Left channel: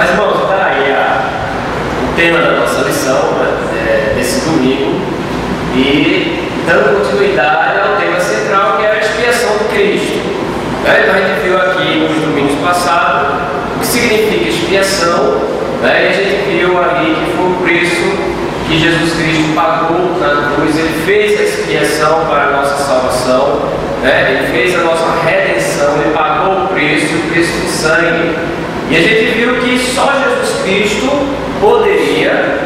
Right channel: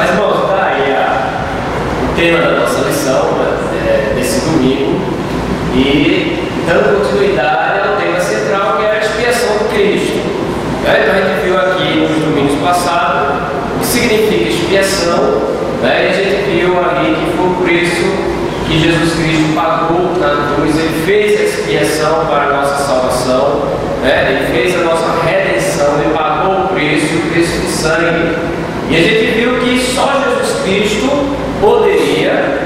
Mas, irmãos, está aí o tema da nossa lição, né, desse domingo, e dando continuidade ao tema central, que é a expiação de Cristo. Né? Então, a gente viu aqui nos domingos passados o que significa expiação, né? E a gente viu ali que foi o preço que Jesus Cristo pagou na cruz. Ele fez a expiação para a nossa salvação, né? Ele fez a nossa redenção, ele pagou o preço de sangue. E a gente viu que só Jesus Cristo poderia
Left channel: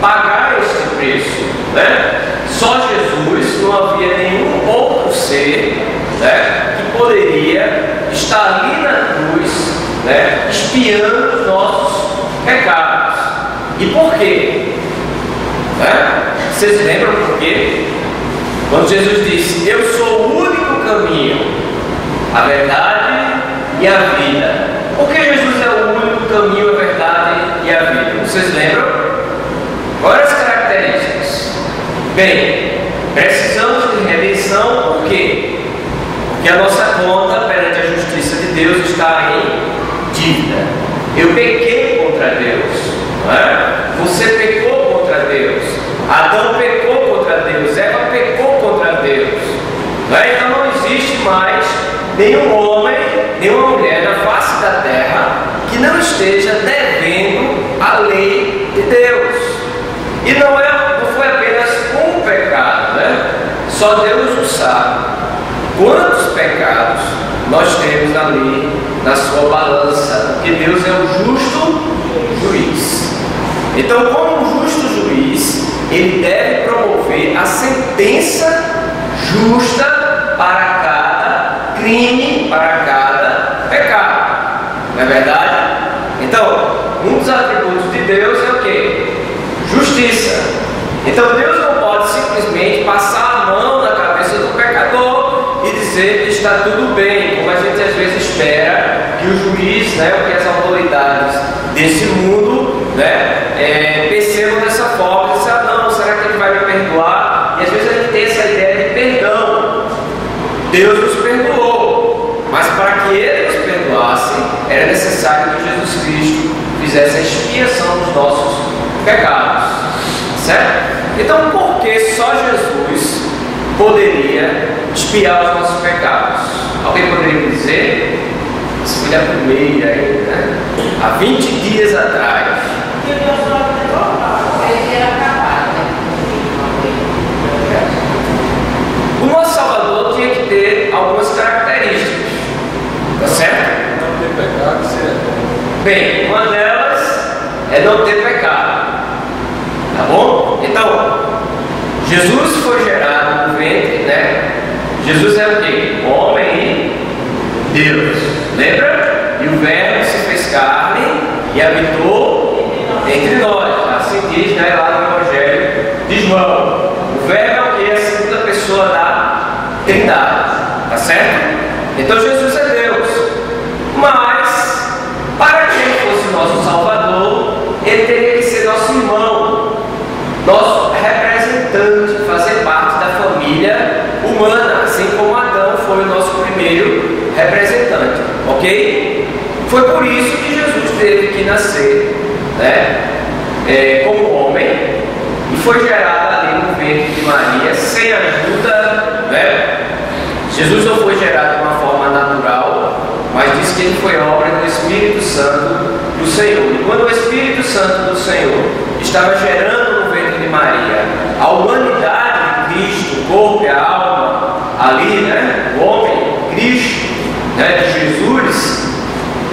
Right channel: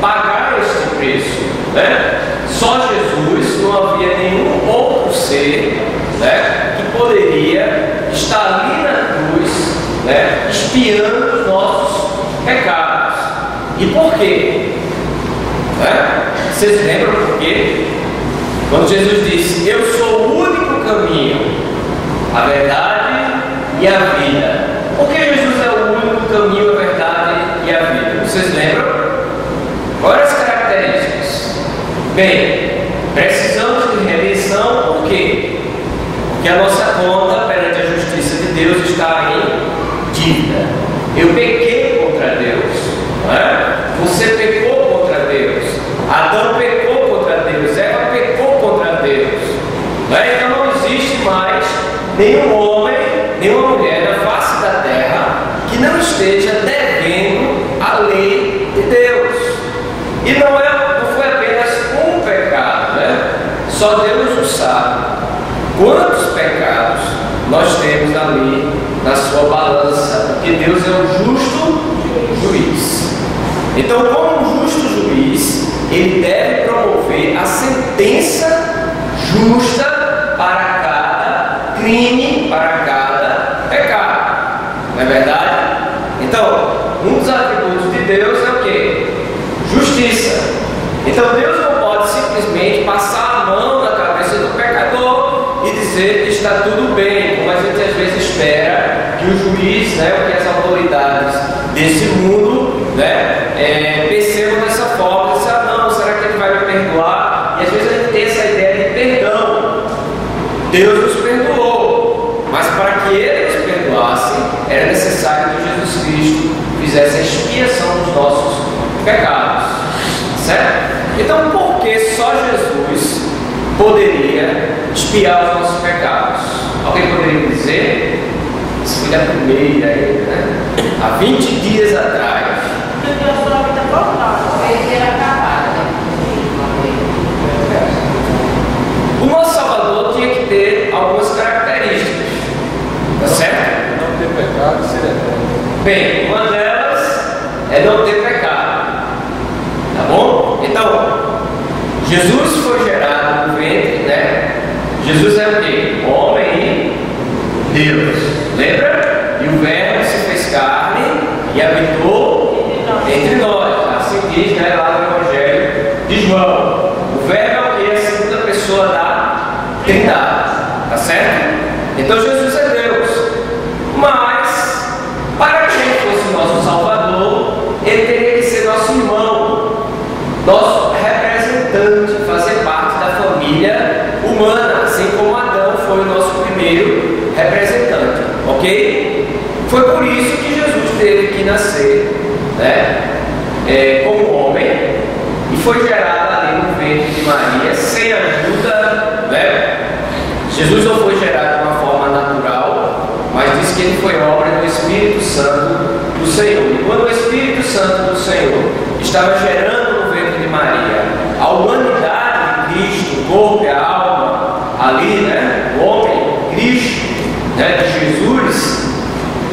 pagar esse preço, né? Só Jesus, não havia nenhum outro ser, né, que poderia estar ali na cruz, né, expiando os nossos pecados. E por quê? Né? Vocês lembram por quê? Quando Jesus disse: eu sou o único caminho, a verdade e a vida. Por que Jesus é o único caminho, a verdade e a vida? Vocês lembram? Quais as características? Bem, precisamos de redenção. Por quê? Porque a nossa conta perante a justiça de Deus está em dívida. Eu pequei contra Deus, não é? Você pecou contra Deus, Adão pecou contra Deus, Eva pecou contra Deus, não é? Então não existe mais nenhum homem, nenhuma mulher na face da terra que não esteja devendo a lei de Deus. E não foi apenas um pecado, né? Só Deus o sabe quantos pecados nós temos ali na sua balança, porque Deus é o justo juiz. Então, como justo juiz, ele deve promover a sentença justa para cada crime, para cada pecado. Não é verdade? Então, um dos atributos de Deus é o quê? Justiça. Então, Deus não pode simplesmente passar a mão na cabeça do pecador e dizer que está tudo bem, como a gente às vezes espera que o juiz, né, ou que as autoridades desse mundo, né, percebam dessa forma, e dizem: ah, não, será que ele vai me perdoar? E às vezes a gente tem essa ideia de perdão. Deus nos perdoou, mas para que ele nos perdoasse, era necessário que Jesus Cristo fizesse a expiação dos nossos pecados, certo? Então, por que só Jesus poderia expiar os nossos pecados? Alguém poderia me dizer? Isso foi da primeira, né? Há 20 dias atrás. O nosso Salvador tinha que ter algumas características, tá certo? Não ter pecado e ser eterno. Bem, uma delas é não ter pecado, tá bom? Então, Jesus foi gerado no ventre, né? Jesus é o quê? Homem e Deus, lembra? E o Verbo se fez carne e habitou entre nós. Assim diz, né, lá no Evangelho de João. O Verbo é o quê? A segunda pessoa da Trindade, tá certo? Então Jesus é Deus. Mas, para que ele fosse nosso Salvador, ele teria que ser nosso irmão, nosso representante, fazer parte da família humana, assim como Adão foi o nosso primeiro representante, ok? Foi por isso que Jesus teve que nascer, né, como homem, e foi gerado ali no ventre de Maria, sem ajuda, né? Jesus não foi gerado de uma forma natural, mas diz que ele foi obra do Espírito Santo do Senhor. E quando o Espírito Santo do Senhor estava gerando no ventre de Maria a humanidade de Cristo, o corpo e a alma, ali, né, o homem, Cristo, né, de Jesus,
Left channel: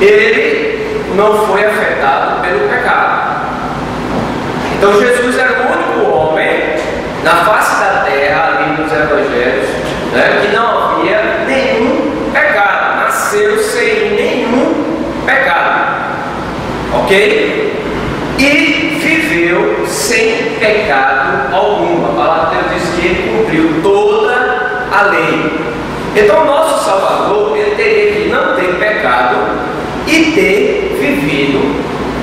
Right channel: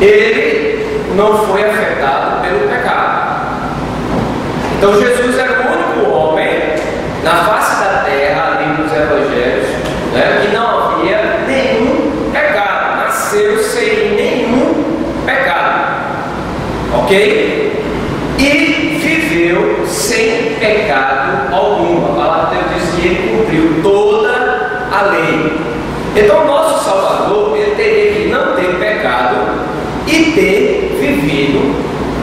ele não foi afetado pelo pecado. Então Jesus era o único homem na face da terra, ali nos evangelhos, né, que não havia nenhum pecado, nasceu sem nenhum pecado, ok? E viveu sem pecado algum. A palavra de Deus diz que ele cumpriu toda a lei. Então o nosso Salvador, ele teria que não ter pecado e ter vivido,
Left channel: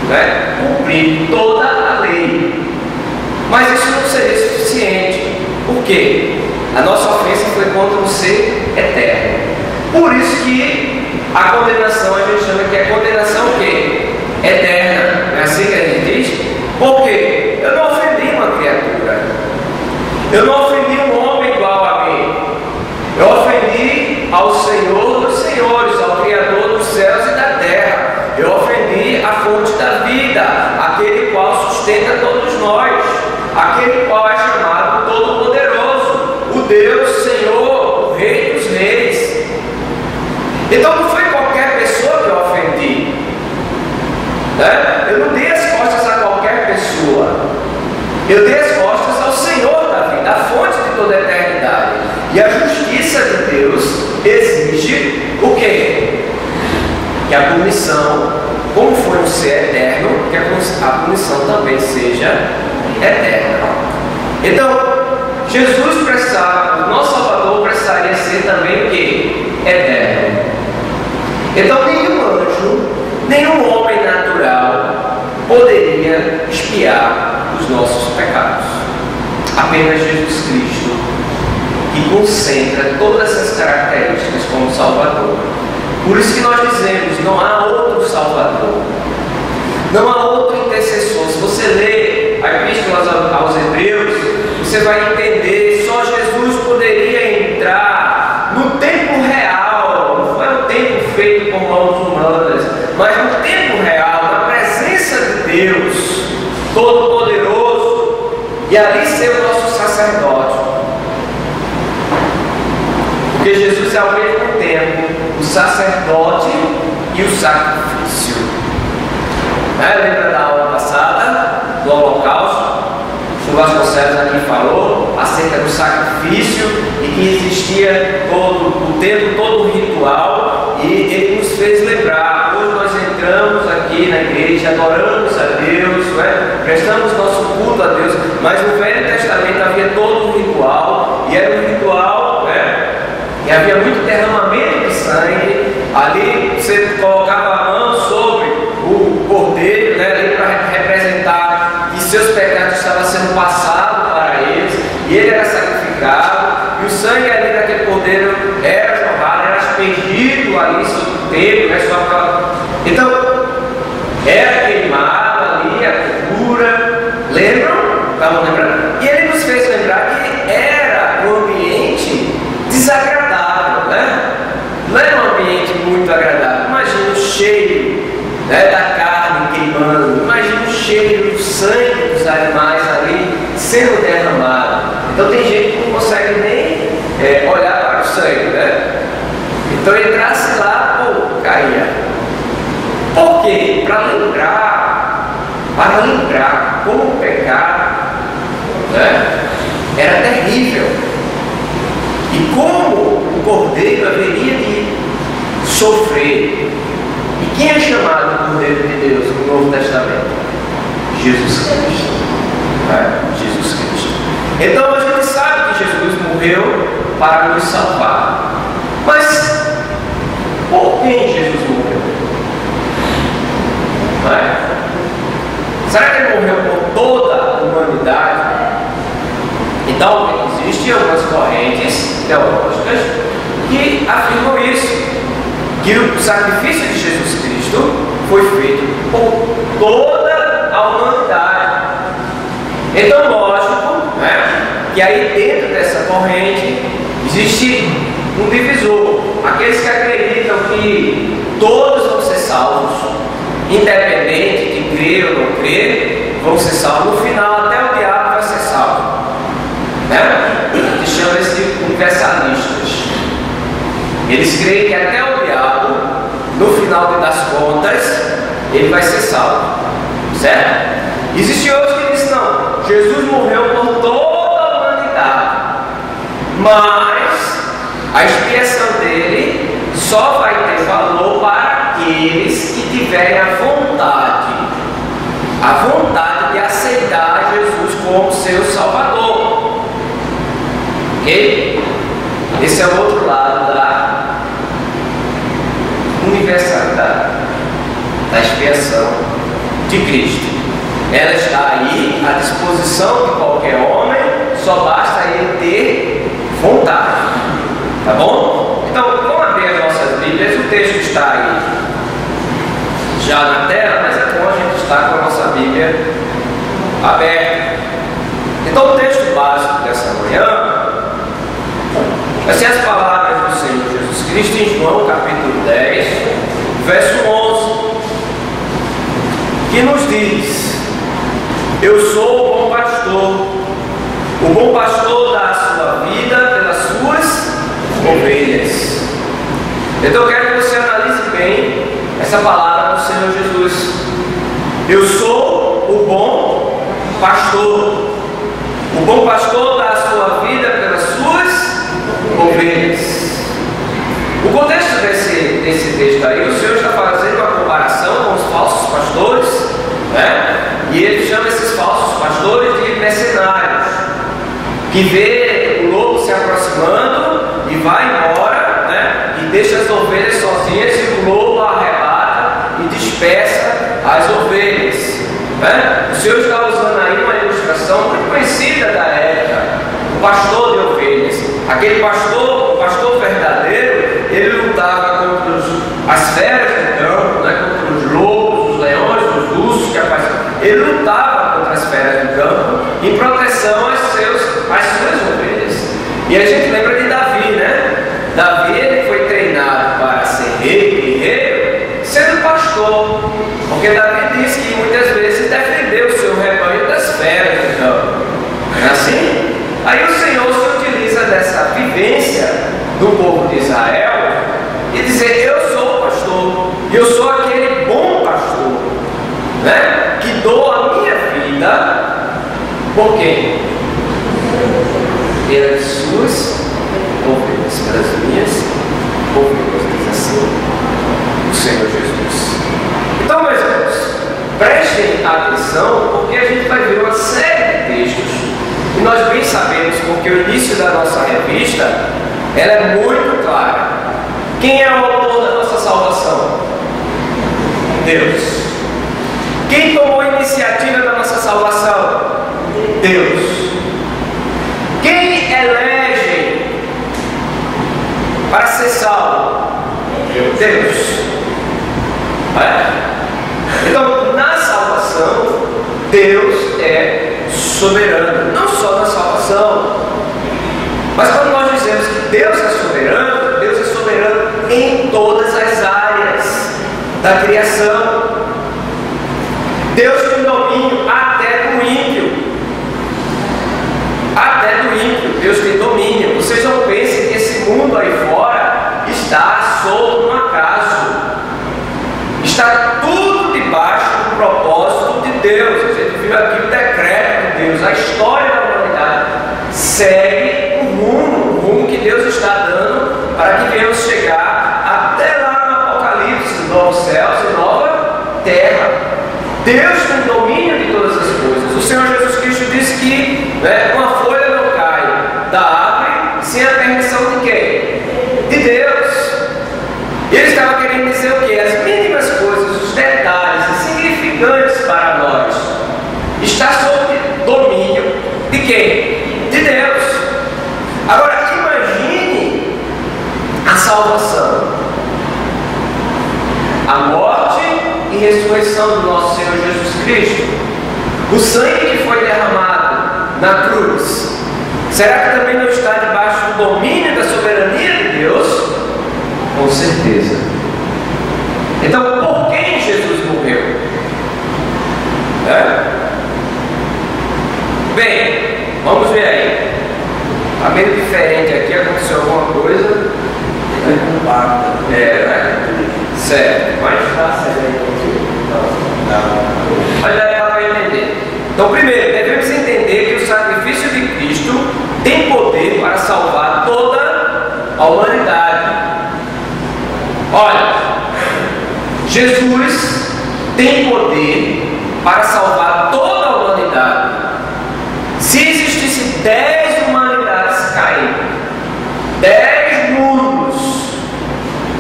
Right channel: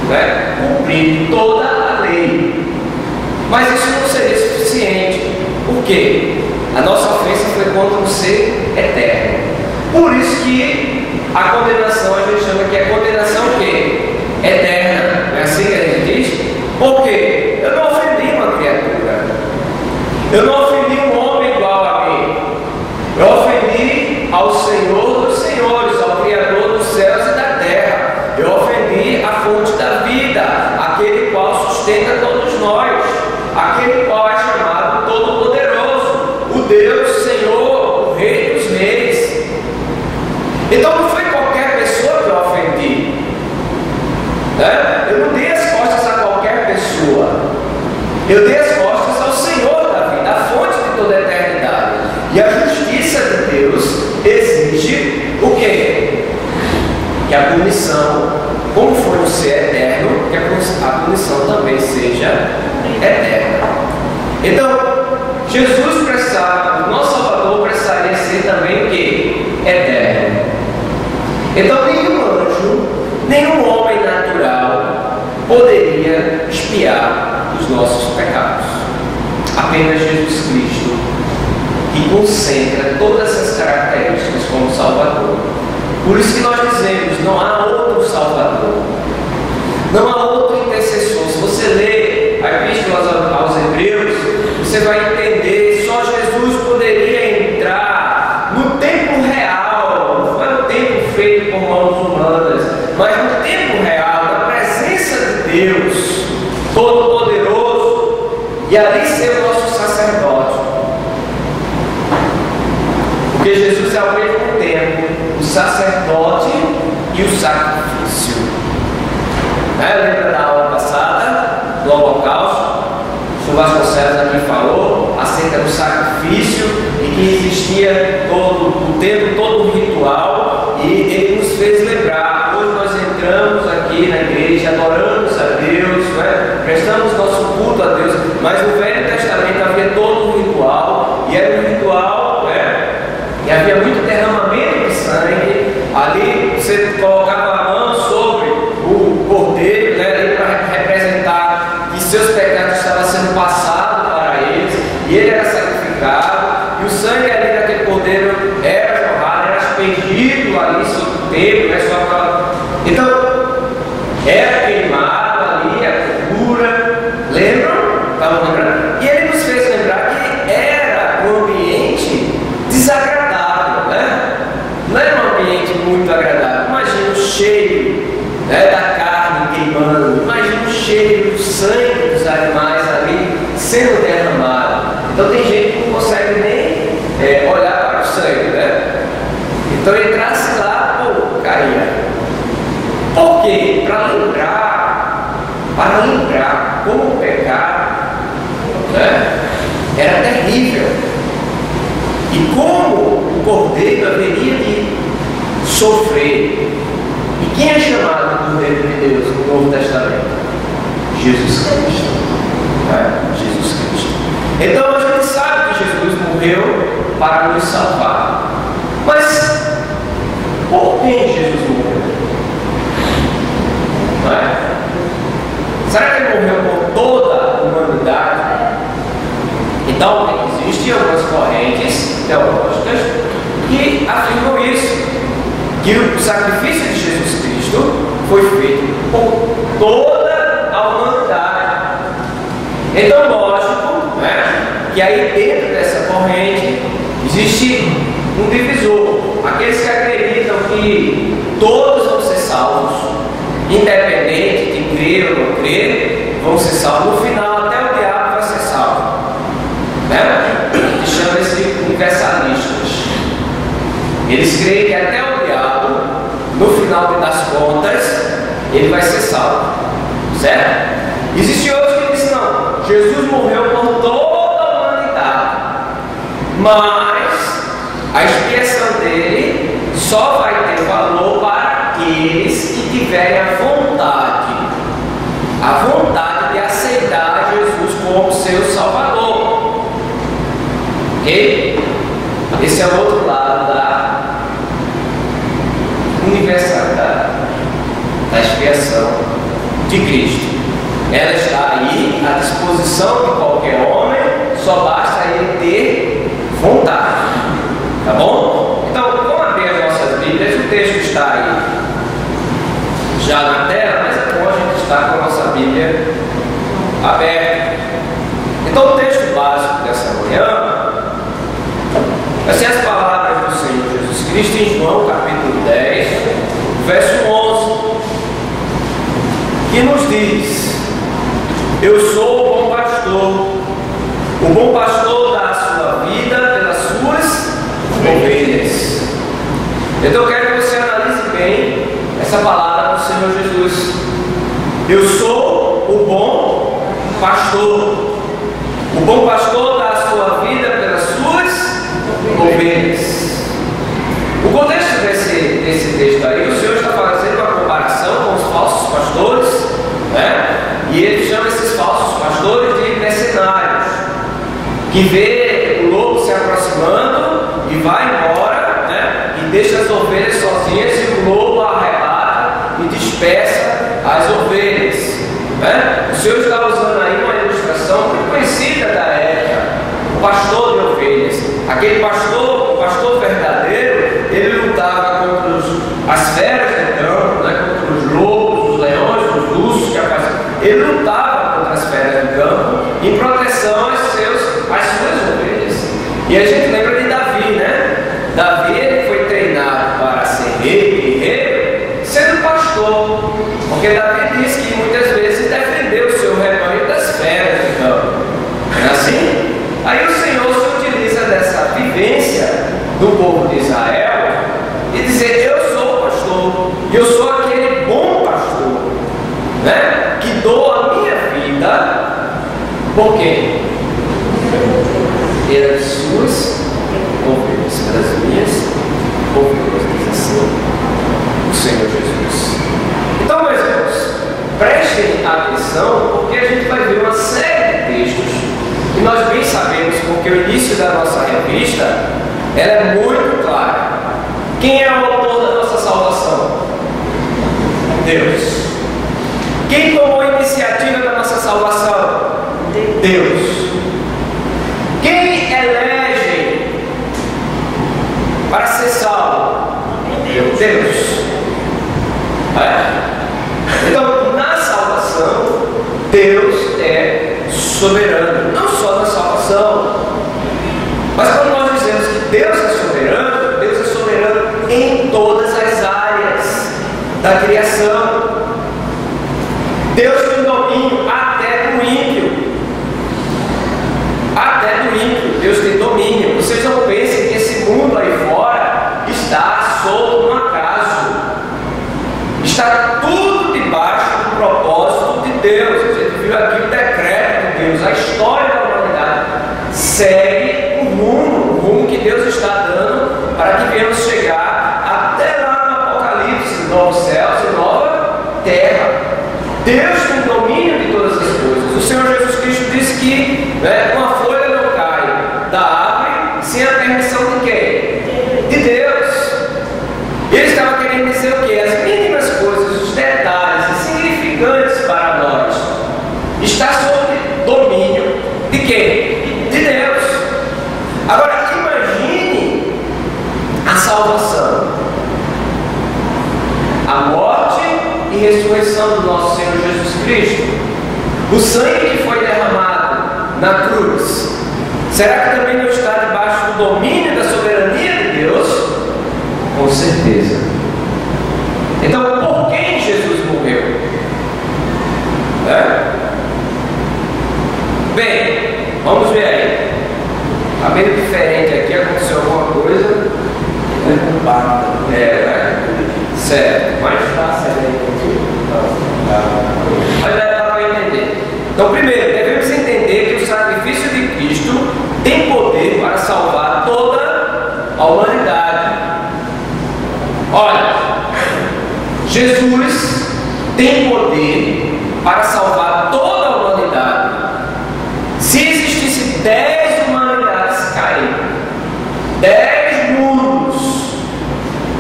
né, cumprindo toda a lei. Mas isso não seria suficiente. Por quê? A nossa ofensa foi contra um ser eterno. Por isso que A condenação a gente chama que é condenação o quê? Eterna. É assim que a gente diz? Por quê? Eu não ofendi uma criatura. Eu não ofendi um homem igual a mim. Eu ofendi ao Senhor dos Senhores, ao Criador dos céus e da terra. Eu ofendi a fonte da vida, aquele qual sustenta todos nós, aquele qual é chamado Todo-Poderoso, o Deus, Senhor, o Rei dos Reis. Então não foi qualquer pessoa que eu ofendi, né? Eu não dei as costas a qualquer pessoa, eu dei as costas ao Senhor da vida, a fonte de toda a eternidade. E a justiça de Deus exige o quê? Que a punição, como foi um ser eterno, que a punição também seja eterna. Então, Jesus prestava, o nosso Salvador precisaria ser também o quê? Eterno. Então, nenhum anjo, nenhum homem natural poderia expiar os nossos pecados. Apenas Jesus Cristo, que concentra todas essas características como Salvador. Por isso que nós dizemos, não há outro Salvador, não há outro intercessor. Se você lê a Epístola aos Hebreus, você vai entender, só Jesus poderia entrar no tempo real, não foi no tempo feito por mãos humanas, mas no tempo real, na presença de Deus Todo-Poderoso, e ali ser o nosso sacerdote. Porque Jesus é ao mesmo tempo o sacerdote e o sacrifício. Lembra da aula passada, do holocausto? O Vasconcelos aqui falou acerca do sacrifício e que existia o tempo todo um ritual, e ele nos fez lembrar. Hoje nós entramos aqui na igreja, adoramos a Deus, prestamos nosso culto a Deus, mas no Velho Testamento havia todo um ritual, e era um ritual, e havia muito derramamento de sangue. Ali você colocava a mão sobre o cordeiro, para representar que seus pecados estavam sendo passados para eles, e ele era sacrificado, e o sangue ali daquele cordeiro era jorrado, era aspergido ali sobre o templo, então era queimado ali a gordura. Lembram? Estavam lembrando? E ele nos fez lembrar que era um ambiente desagradável, não era um ambiente muito agradável. Imagina o cheiro da carne queimando, imagina o cheiro do sangue dos animais ali sendo derramado. Então tem gente que não consegue nem olhar para o sangue, Então entrasse lá, caía. Por quê? Para lembrar como o pecado era terrível, e como o cordeiro haveria de sofrer. E quem é chamado Cordeiro de Deus no Novo Testamento? Jesus Cristo. Jesus Cristo. Então a gente sabe que Jesus morreu para nos salvar. Mas por quem Jesus morreu? Será que ele morreu por toda a humanidade? Então, existem algumas correntes teológicas que afirmam isso, que o sacrifício de Jesus Cristo foi feito por toda a humanidade. Então, lógico, que aí dentro dessa corrente existe um divisor. Aqueles que acreditam que todos vão ser salvos, independente de crer ou não crer, vão ser salvos. No final, até o diabo vai ser salvo. A gente chama isso de universalistas. Eles creem que até o diabo, no final das contas, ele vai ser salvo, certo? Existem outros que dizem, não, Jesus morreu por toda a humanidade, mas a expiação dele só vai ter valor para aqueles que tiverem a vontade de aceitar Jesus como seu Salvador. Ok? Esse é o outro lado da universalidade, da expiação de Cristo. Ela está aí à disposição de qualquer homem, só basta ele ter vontade. Tá bom? Então, vamos abrir as nossas Bíblias. texto está aí já na tela, mas é bom a gente estar com a nossa Bíblia aberta. Então o texto básico dessa manhã vai ser as palavras do Senhor Jesus Cristo em João capítulo 10, verso 11, que nos diz: eu sou o bom pastor dá a sua vida pelas suas ovelhas. Então eu quero que você analise bem essa palavra do Senhor Jesus. Eu sou o bom pastor. O bom pastor dá a sua vida pelas suas ovelhas. O contexto desse texto aí, o Senhor está fazendo uma comparação com os falsos pastores, né? E ele chama esses falsos pastores de mercenários, que vê o lobo se aproximando e vai embora, né? E deixa as ovelhas sozinhas, e o lobo arrebata e dispersa as ovelhas, né? O Senhor está usando aí uma ilustração muito conhecida da época, o pastor de ovelhas. Aquele pastor, o pastor verdadeiro, ele lutava contra as feras do campo, né? Contra os lobos, os leões, os ursos que apareciam. Ele lutava contra as feras do campo em proteção às suas ovelhas. E a gente lembra de Davi, né? Davi, ele foi treinado para ser rei, guerreiro, sendo pastor, porque Davi diz que muitas vezes defendeu o seu rebanho das feras do campo. Não é assim? Aí o Senhor se utiliza dessa vivência do povo de Israel e dizer: eu sou o pastor, e eu sou aquele bom pastor, né? Que dou a minha vida por quem? Pelas suas ovelhas, pelas minhas ovelhas, diz assim o Senhor Jesus. Então, meus irmãos, prestem atenção, porque a gente vai ver uma série de textos, e nós bem sabemos, porque o início da nossa revista ela é muito clara. Quem é o autor da nossa salvação? Deus. Quem tomou a iniciativa da nossa salvação? Deus. Quem elege para ser salvo? Deus. Então, na salvação, Deus é soberano. Não só na salvação, mas quando nós dizemos que Deus é soberano em todas as áreas da criação. Deus tem domínio até do ímpio. Até do ímpio, Deus tem domínio. Vocês não pensem que esse mundo aí fora está solto no acaso. Está tudo debaixo do propósito de Deus. A gente viu aqui o decreto de Deus. A história da humanidade segue o rumo que Deus está dando para que venhamos chegar até lá no Apocalipse, novos céus e nova terra. Deus tem domínio de todas as coisas. O Senhor Jesus Cristo disse que, né, uma folha não cai da árvore sem a permissão de quem? De Deus. E ele estava querendo dizer o quê? As mínimas coisas, os detalhes insignificantes para nós, está sob domínio de quem? De Deus. Agora imagine a salvação, a morte e ressurreição do nosso Senhor Jesus Cristo, o sangue que foi derramado na cruz. Será que também não está debaixo do domínio da soberania de Deus? Com certeza. Então, por quem Jesus morreu? Bem, vamos ver aí. Está meio diferente aqui, aconteceu alguma coisa. Certo, mas dá para entender. Então, primeiro, devemos entender que o sacrifício de Cristo tem poder para salvar toda a humanidade. Olha, Jesus tem poder para salvar toda a humanidade. Se existisse 10 humanidades caídas, 10 mundos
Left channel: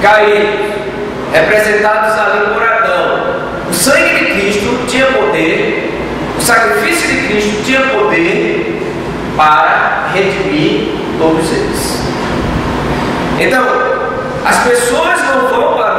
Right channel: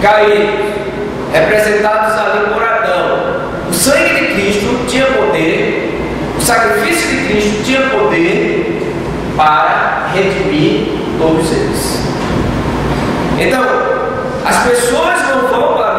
caídos, representados ali por Adão, o sangue de Cristo tinha poder, o sacrifício de Cristo tinha poder para redimir todos eles. Então, as pessoas não vão para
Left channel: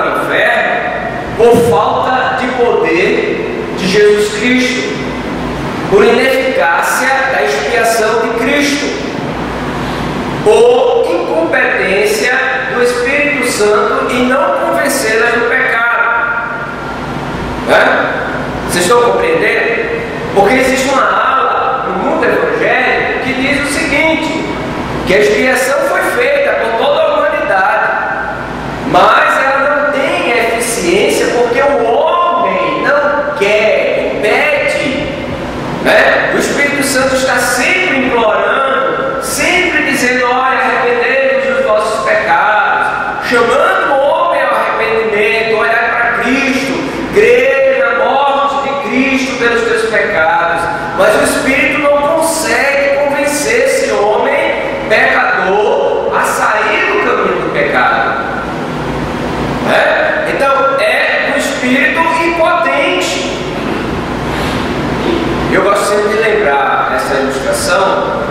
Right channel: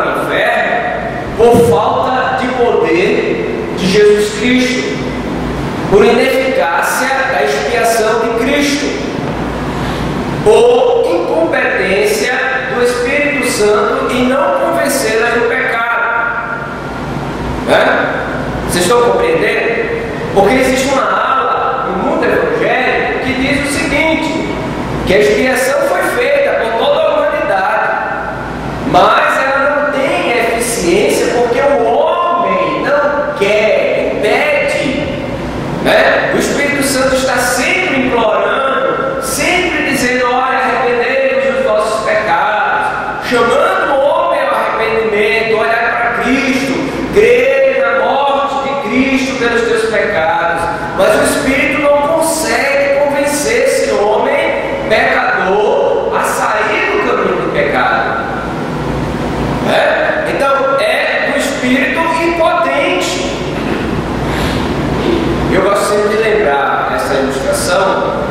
ou incompetência do Espírito Santo em não convencê-las do pecado. Vocês estão compreendendo? Porque existe uma aula no mundo evangélico que diz o seguinte, que a expiação foi feita por toda a humanidade, mas ela não tem eficiência porque o homem não quer, impede, O Espírito Santo está sempre implorando, sempre dizendo, olha, arrependei-vos dos vossos pecados, chamando o homem ao arrependimento, olhar para Cristo, crer na morte de Cristo pelos teus pecados, mas o Espírito não consegue convencer esse homem pecador a sair do caminho do pecado. Então é um espírito impotente. Eu gosto sempre de lembrar essa ilustração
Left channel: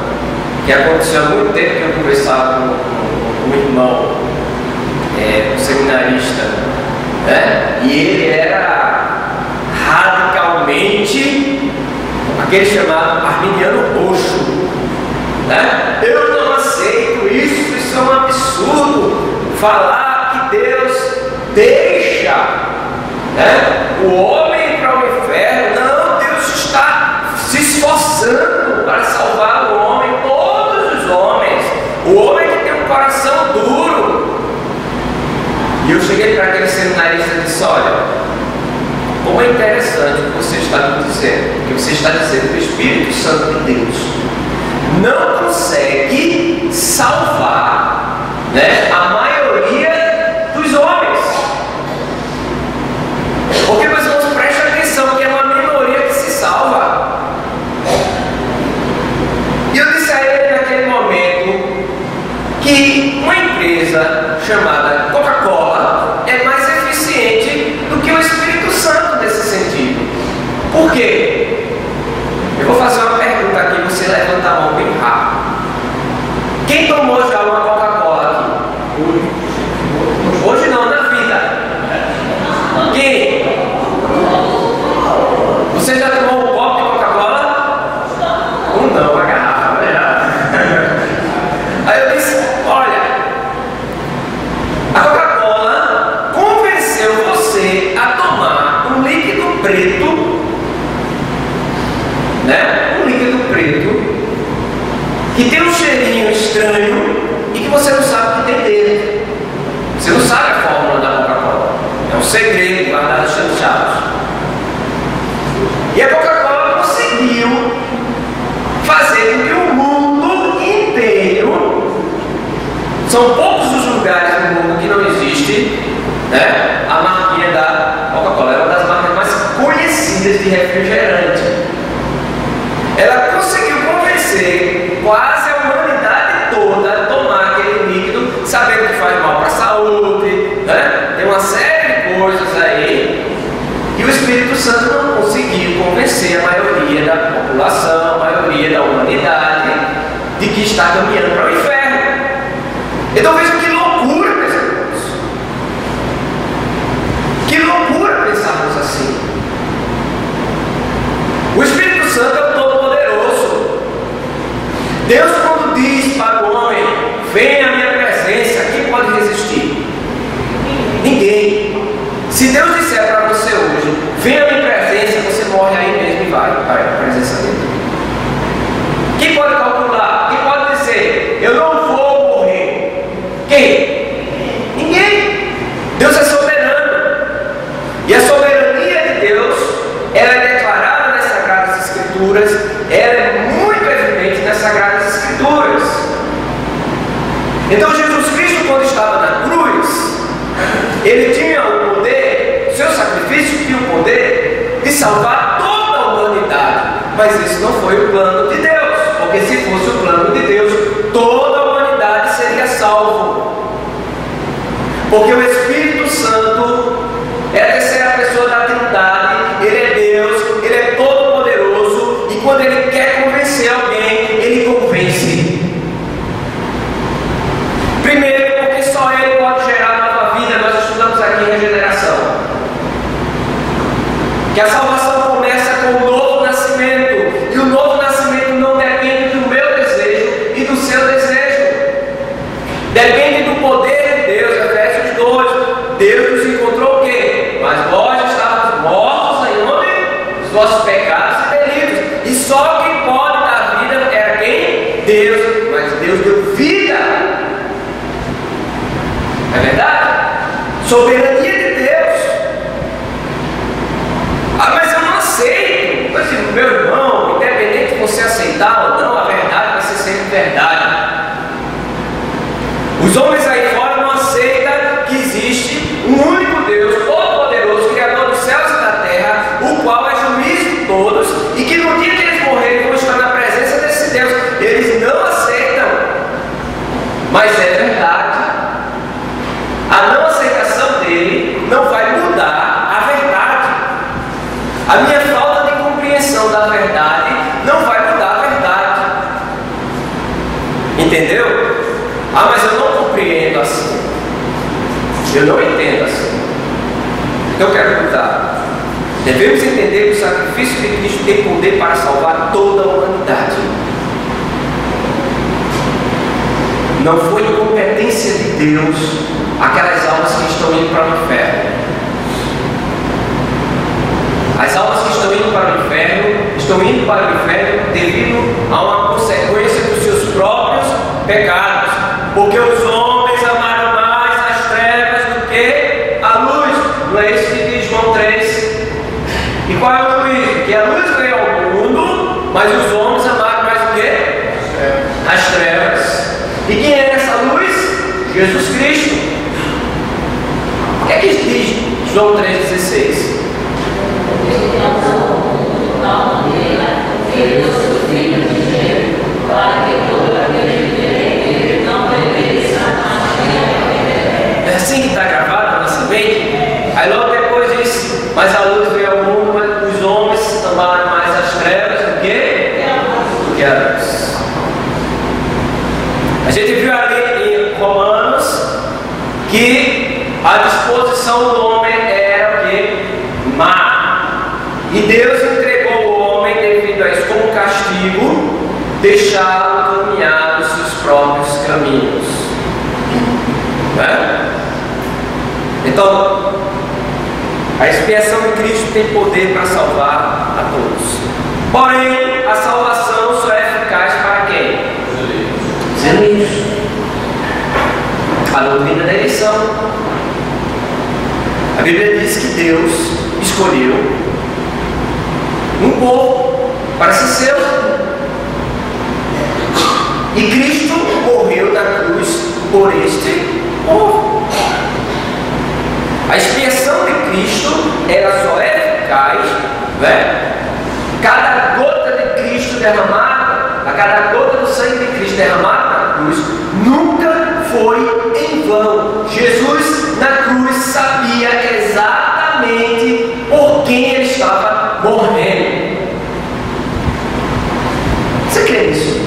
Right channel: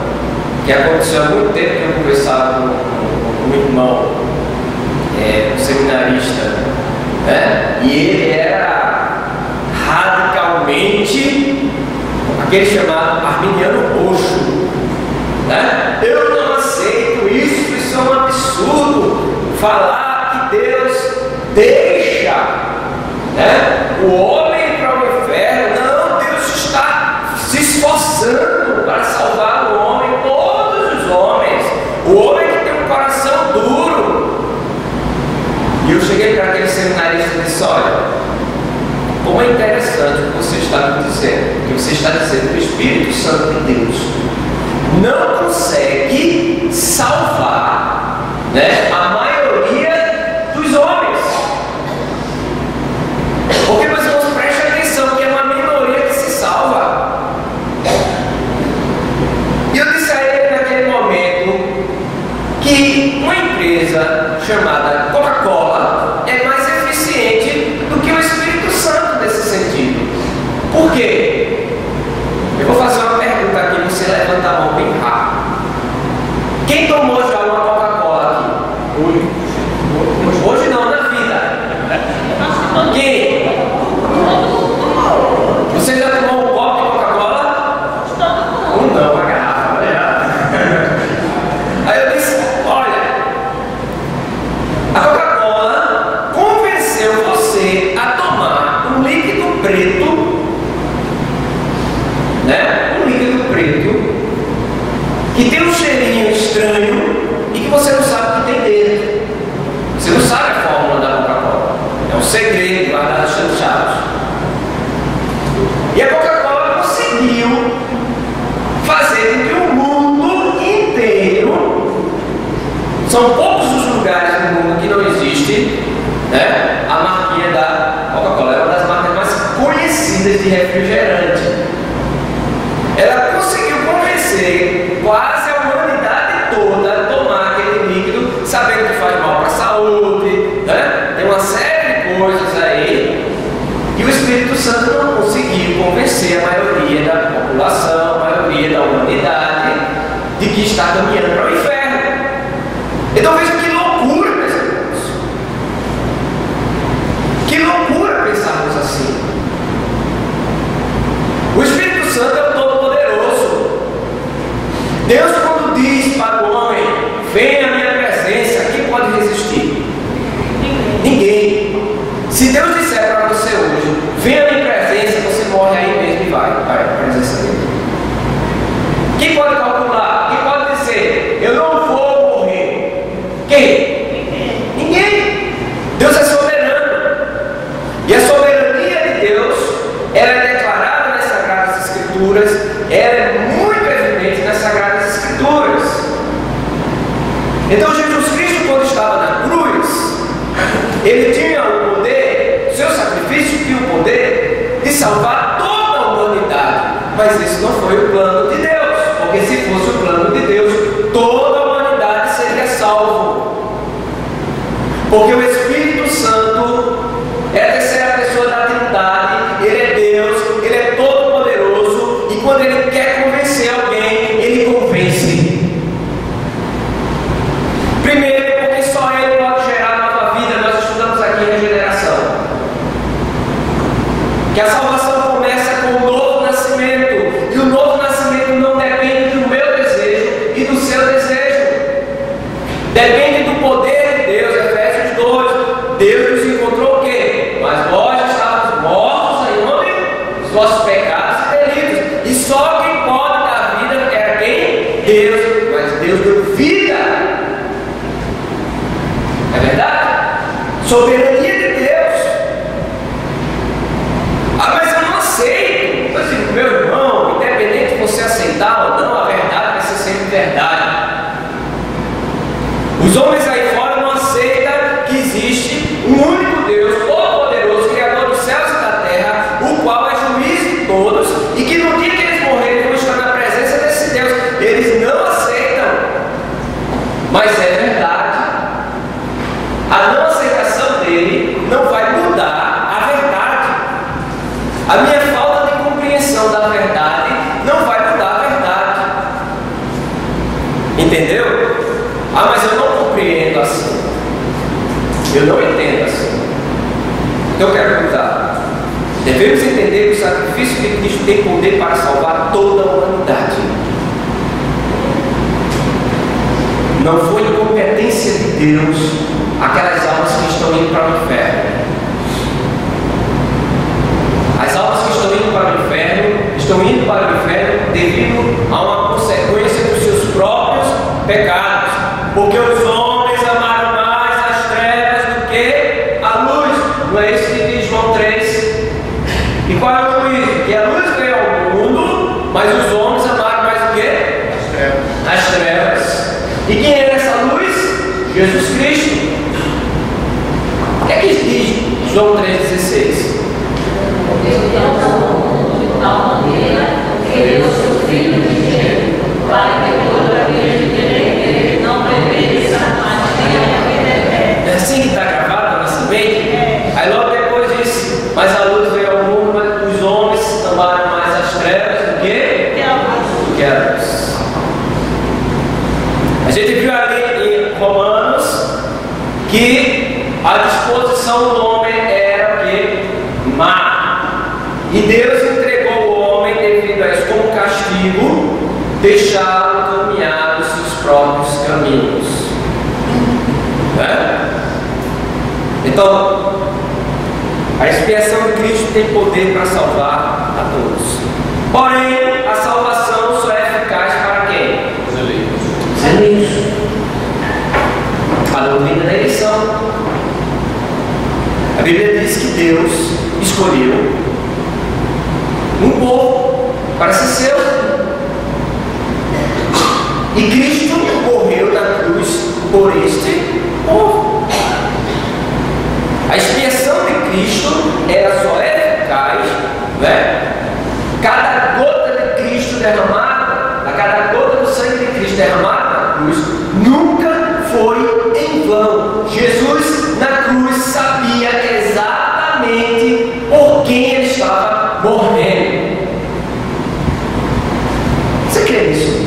que aconteceu há muito tempo que eu conversava com um irmão, um seminarista, e ele era radicalmente aquele chamado arminiano roxo. Eu não aceito isso é um absurdo falar que Deus deixa o homem para o inferno. Não, Deus está se esforçando para salvar o homem, todos os homens, o homem que tem um coração duro. E eu cheguei para aquele seminarista e disse, olha, como é interessante o que você está me dizendo, que você está dizendo que o Espírito Santo de Deus não consegue salvar a maioria dos homens. Porque, meus irmãos, prestem atenção que é uma minoria que se salva. E eu disse a ele naquele momento que uma empresa chamada Coca-Cola é mais eficiente do que o Espírito Santo nesse sentido. Por quê? Eu vou fazer uma pergunta aqui, você levanta a mão bem rápido. Quem tomou já uma Coca-Cola aqui? Hoje não, na vida. Quem? Você já tomou um copo de Coca-Cola? Não, uma garrafa. Aí eu disse, olha, a Coca-Cola convenceu você a tomar um líquido preto, um líquido preto, que tem um cheirinho estranho e que você não sabe o que tem dentro. Você não sabe a fórmula da Coca-Cola. É um segredo guardado chanchados. E a Coca-Cola conseguiu fazer com que o mundo inteiro, são poucos os lugares no mundo que não existe, a marquinha da Coca-Cola. É uma das marcas mais conhecidas de refrigerante. Ela conseguiu convencer quase a humanidade toda a tomar aquele líquido, sabendo que faz mal para a saúde, tem uma série de coisas aí, e o Espírito Santo não conseguiu convencer a maioria da população, a maioria da humanidade, de que está caminhando para o inferno. Então veja que loucura, meus irmãos. Que loucura pensarmos assim. O Espírito Santo é o Todo-Poderoso. Deus, quando diz para o homem, venha à minha presença, quem pode resistir? Ninguém. Se Deus disser para você hoje, venha à minha presença, você morre aí mesmo e vai para a presença dele. Quem pode calcular? Quem pode dizer, eu não vou morrer? Quem? Ninguém. Deus é soberano. E a soberania de Deus, ela é declarada nas Sagradas Escrituras, ela é muito evidente nas Sagradas Escrituras. Então Jesus Cristo, quando estava na cruz, ele tinha o poder, o seu sacrifício tinha o poder de salvar toda a humanidade, mas isso não foi o plano de Deus, porque se fosse o plano de Deus, toda a humanidade seria salvo, porque o Espírito Santo é a terceira pessoa da Trindade, ele é Deus, ele é todo-poderoso, e quando ele quer convencer alguém, ele convence. Primeiro, porque só ele pode gerar nova vida. Nós estudamos aqui regeneração, que a salvação começa com o novo nascimento, e o novo nascimento mas Deus deu vida. É verdade? Soberania de Deus. Ah, mas eu não aceito. Mas, meu irmão, independente de você aceitar ou não, a verdade vai ser sempre verdade. Os homens aí fora não aceitam que existe um único Deus, todo-poderoso, Criador dos céus e da terra, o qual é juiz de todos, e que no dia que eles morrerem vão estar na presença desse Deus. Eles não aceitam, mas é verdade. A não aceitação dele não vai mudar a verdade. A minha falta de compreensão da verdade não vai mudar a verdade. Entendeu? Ah, mas eu não compreendo assim. Eu não entendo assim. Então eu quero perguntar: devemos entender que o sacrifício de Cristo tem poder para salvar toda a humanidade. Não foi incompetência de Deus aquelas almas que estão indo para o inferno. As almas que estão indo para o inferno devido a uma consequência dos seus próprios pecados. Porque os homens amaram mais as trevas do que a luz. Não é isso que diz João 3? E qual é o juízo? Que a luz veio ao mundo, mas os homens amaram mais o quê? As trevas. E quem é essa luz? Jesus Cristo. O que é que diz João 3,16? É assim que está gravado na semente. Aí logo depois diz: mas a luz veio ao mundo, mas os homens amaram mais as trevas do que a luz. A gente viu ali em Romanos que a disposição do homem era o que? Má. E Deus entregou o homem devido a isso como castigo, deixá-lo caminhar os seus próprios caminhos. Né? Então, a expiação de Cristo tem poder para salvar a todos. Porém, a salvação só é eficaz para quem? Os eleitos. A doutrina da eleição. A Bíblia diz que Deus escolheu um povo para ser seu. E Cristo morreu na cruz por este povo. A expiação de Cristo, ela só é eficaz, né? Cada gota de Cristo derramada, a cada gota do sangue de Cristo derramada na cruz, nunca foi em vão. Jesus na cruz sabia exatamente por quem ele estava morrendo. Você crê nisso?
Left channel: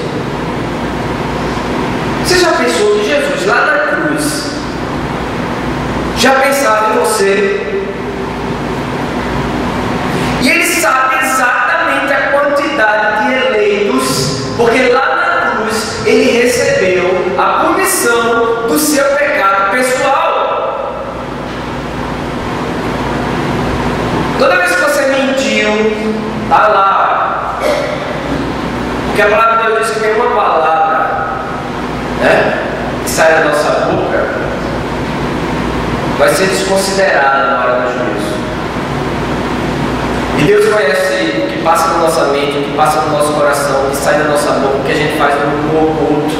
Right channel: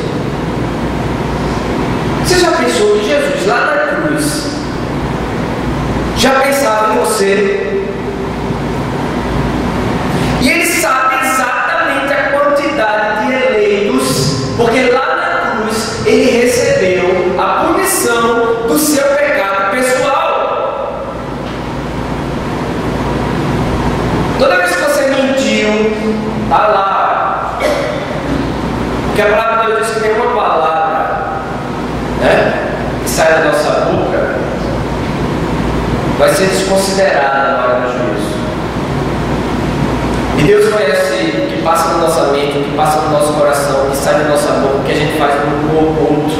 Você já pensou que Jesus lá na cruz já pensava em você? E ele sabe exatamente a quantidade de eleitos, porque lá na cruz ele recebeu a punição do seu pecado pessoal. Toda vez que você mentiu, está lá. Porque a palavra de Deus diz que tem uma palavra, né, que sai da nossa boca, vai ser desconsiderada na hora do juízo. E Deus conhece o que passa na nossa mente, o que passa no nosso coração, o que sai da nossa boca, o que a gente faz no oculto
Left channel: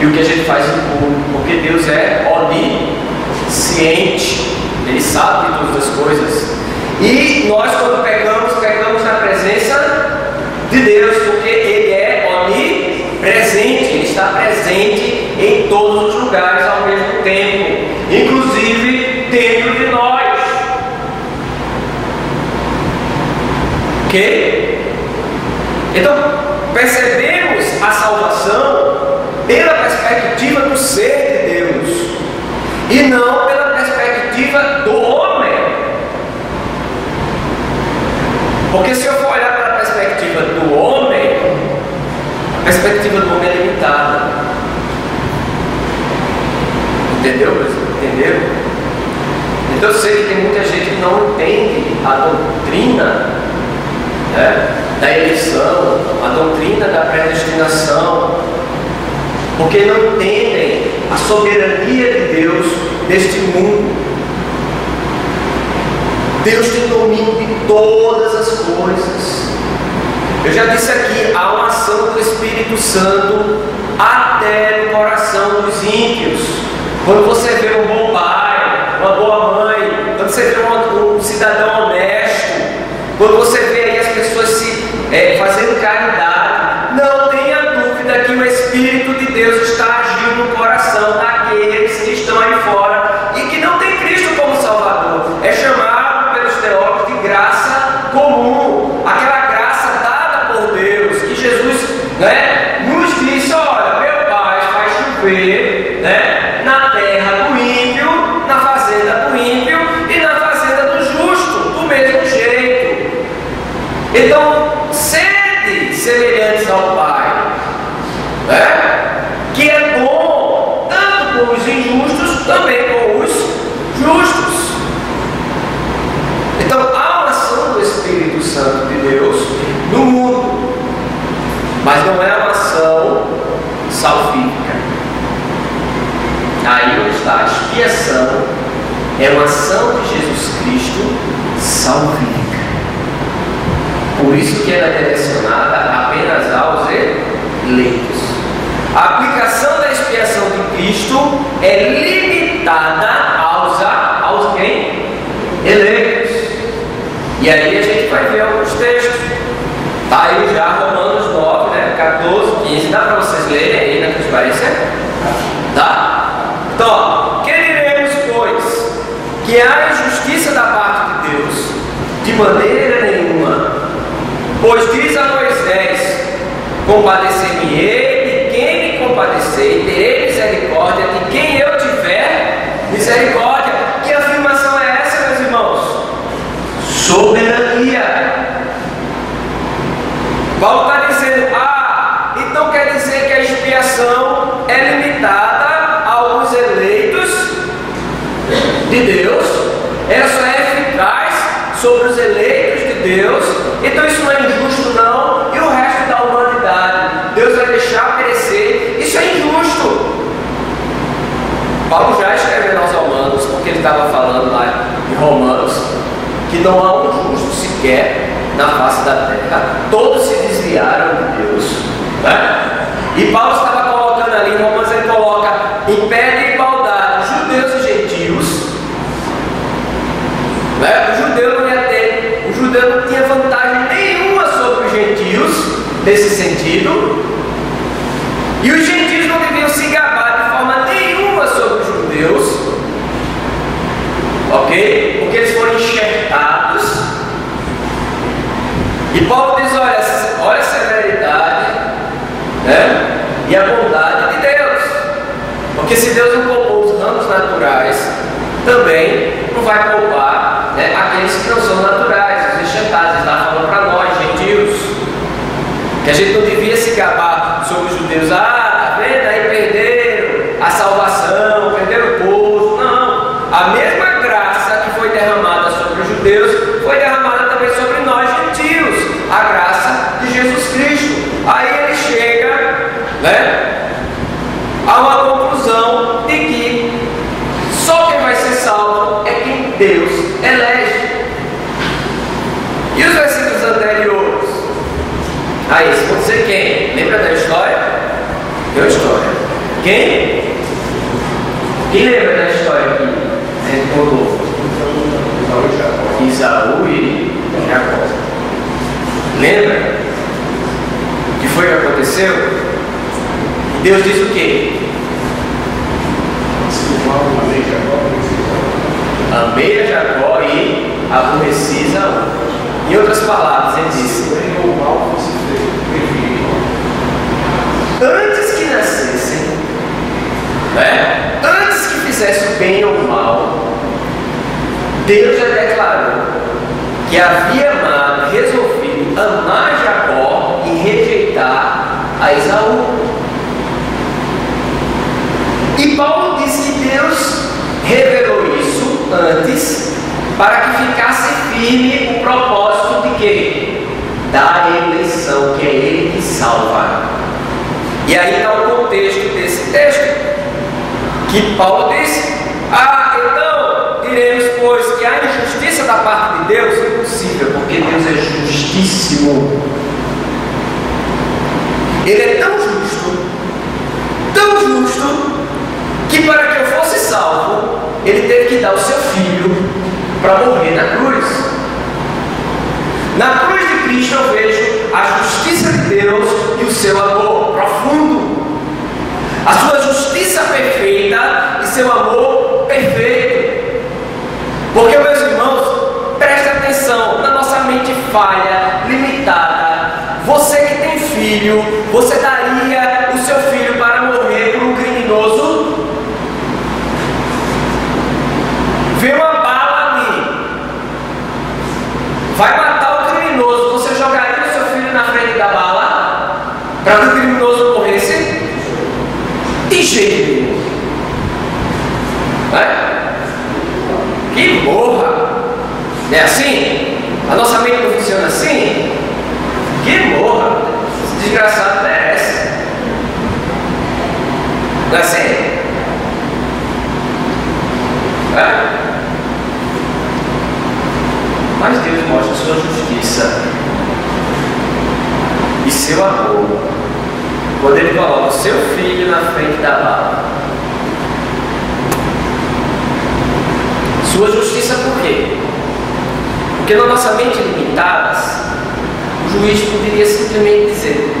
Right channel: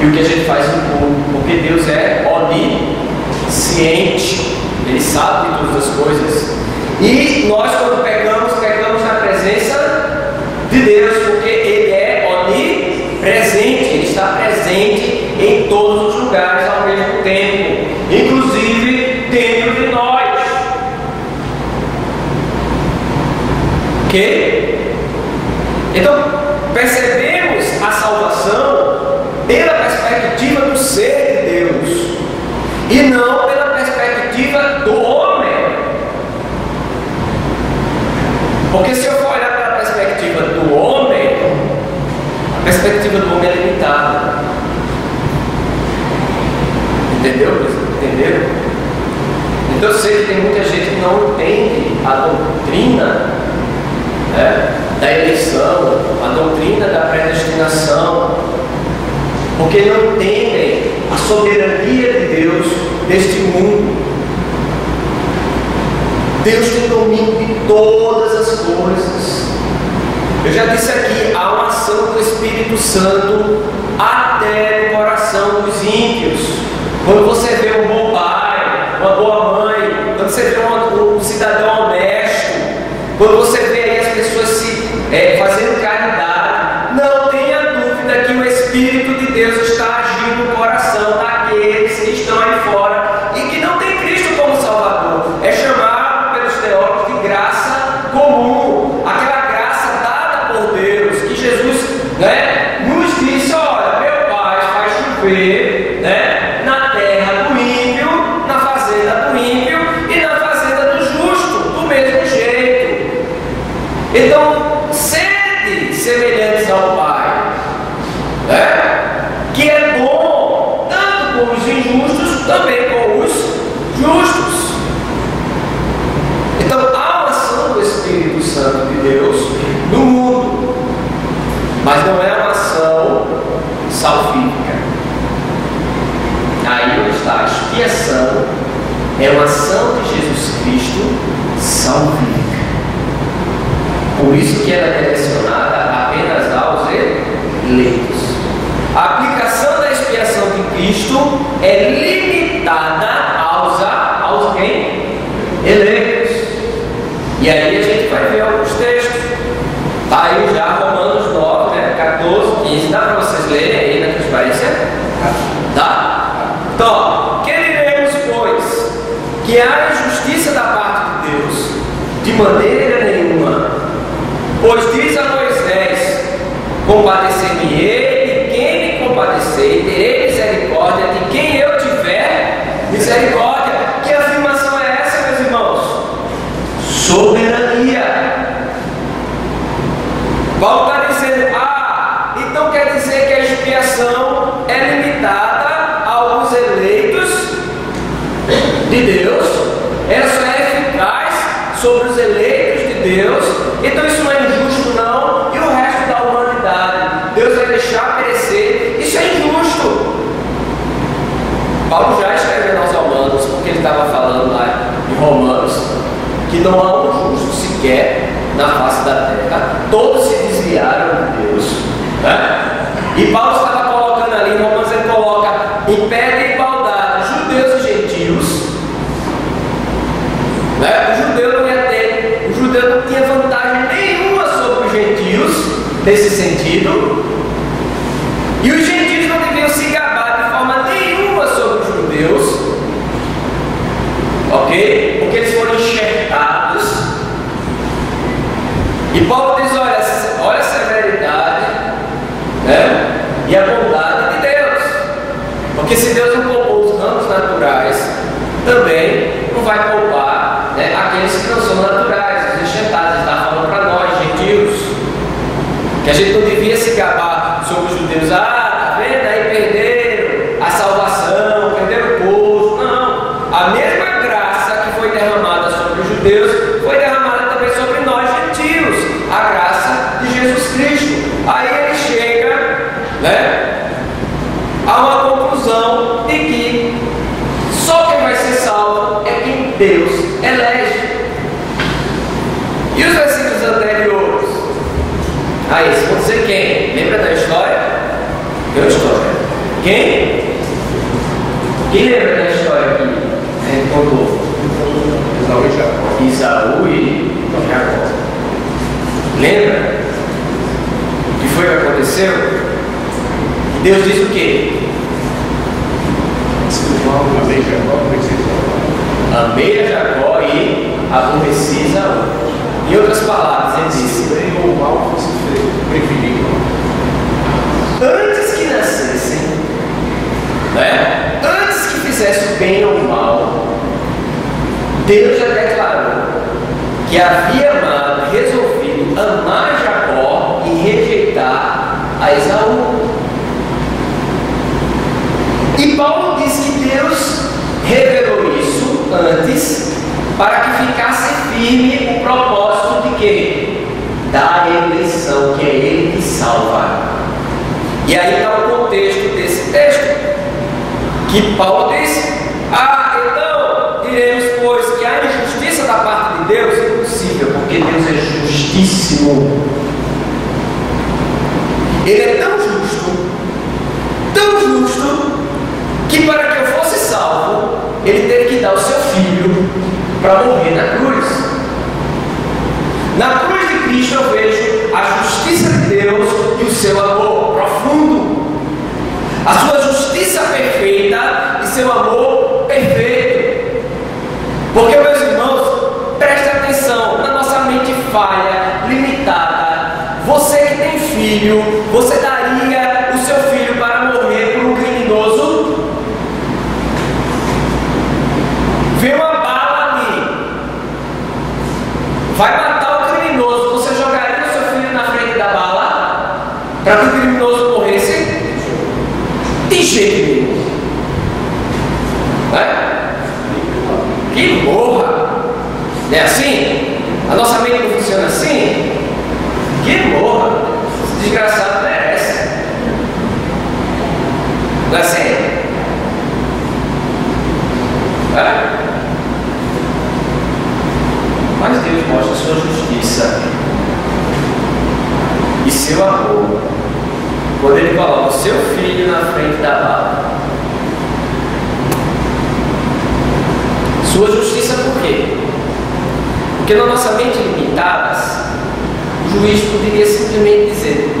e o que a gente faz no público, porque Deus é onisciente, Ele sabe de todas as coisas. E nós, quando pecamos na presença de Deus, porque Ele é onipresente, Ele está presente em todos os lugares ao mesmo tempo, inclusive dentro de nós. Ok? Então, percebemos a salvação pela perspectiva do ser de Deus e não pela perspectiva do homem. Porque se eu for olhar para a perspectiva do homem, a perspectiva do homem é limitada. Entendeu? Entenderam? Então eu sei que tem muita gente que não entende a doutrina, né, da eleição, a doutrina da predestinação. obstinação, porque não entendem a soberania de Deus neste mundo. Deus tem domínio de todas as coisas. Eu já disse aqui, há uma ação do Espírito Santo até no coração dos ímpios. Quando você vê um bom pai, uma boa mãe, quando você vê um cidadão honesto, quando você vê aí as pessoas fazendo caridade, não tenha dúvida que o Espírito de Deus está agindo no coração daqueles que estão aí fora e que não tem Cristo como Salvador. É chamado pelos teólogos de graça comum, aquela graça dada por Deus, que Jesus, nos disse: olha, meu Pai faz chover, na terra do ímpio, na fazenda do ímpio e na fazenda do justo, do mesmo jeito. Então, sede semelhantes ao Pai, que é bom tanto com os injustos, também com os justos. Então, há uma ação do Espírito Santo de Deus no mundo, mas não é uma ação salvífica. Aí onde está a expiação, é uma ação de Jesus Cristo salvífica. Por isso que ela é direcionada apenas aos eleitos. A aplicação da expiação de Cristo é limitada aos quem? Eleitos. E aí a gente vai ver alguns textos. Está aí já Romanos 9, 14, 15. Dá para vocês lerem aí na transparência? Tá? Então, que diremos, pois? Que há injustiça da parte de Deus? De maneira nenhuma. Pois diz a Moisés: compadecer-me-ei de quem me compadecer, e terei misericórdia de quem eu tiver misericórdia. Que afirmação é essa, meus irmãos? Soberania. Paulo está dizendo: então quer dizer que a expiação é limitada aos eleitos de Deus? Ela só é eficaz sobre os eleitos de Deus? Então isso não é injusto, não? E o resto da humanidade, Deus vai deixar perecer? Isso é injusto. Paulo já escrevendo aos Romanos, porque ele estava falando lá em Romanos, que não há um justo sequer na face da terra, todos se desviaram de Deus, E Paulo estava colocando ali em Romanos, ele coloca em pé de igualdade judeus e gentios. O judeu não tinha vantagem nenhuma sobre os gentios nesse sentido, e os gentios não deviam se gabar de forma nenhuma sobre os judeus, ok? Porque eles foram enxertados. E Paulo diz: olha a severidade, e a bondade de Deus, porque se Deus não poupou os ramos naturais, também não vai poupar aqueles que não são naturais, os enxertados. Está falando para nós, gentios, que a gente não devia se gabar sobre os judeus. Tá vendo? Aí perderam a salvação, perderam o povo. Não, a mesma graça que foi derramada sobre os judeus foi derramada também sobre nós, gentios, a graça de Jesus Cristo. Aí ele chega a uma conclusão de que só quem vai ser salvo é quem Deus elege. E os versículos anteriores a esse vão dizer quem? Lembra da história? Tem uma história. Quem? Quem lembra da história que a gente contou? Isaú e Jacó. Lembra? O que foi que aconteceu? Deus diz o quê? Amei a Jacó e aborreci Isaú. Em outras palavras, ele disse: antes que nascessem, antes que fizesse o bem ou o mal, Deus já declarou que havia amado, resolvido amar Jacó e rejeitar a Esaú. E Paulo diz que Deus revelou isso antes para que ficasse firme o propósito de quê? Da eleição, que é Ele que salva. E aí está o contexto desse texto, que Paulo disse: então diremos, pois, que há injustiça da parte de Deus? Impossível, porque Deus é justíssimo. Ele é tão justo, que para que eu fosse salvo, ele teve que dar o seu filho para morrer na cruz. Na cruz de Cristo eu vejo a justiça de Deus e o seu amor profundo, a sua justiça perfeita e seu amor perfeito. Porque, meus irmãos, prestem atenção, na nossa mente falha, limitada, você que tem filho, você daria o seu filho para morrer por um criminoso? Vê uma bala ali, vai matar o criminoso, você jogaria o seu filho na frente da bala para que o criminoso morresse? De jeito nenhum. Que morra! Não é assim? A nossa mente não funciona assim? Que morra! Esse desgraçado merece. Não é assim? Mas Deus mostra sua justiça e seu amor quando Ele coloca o seu filho na frente da bala. Sua justiça por quê? Porque na nossa mente limitadas, o juiz poderia simplesmente dizer:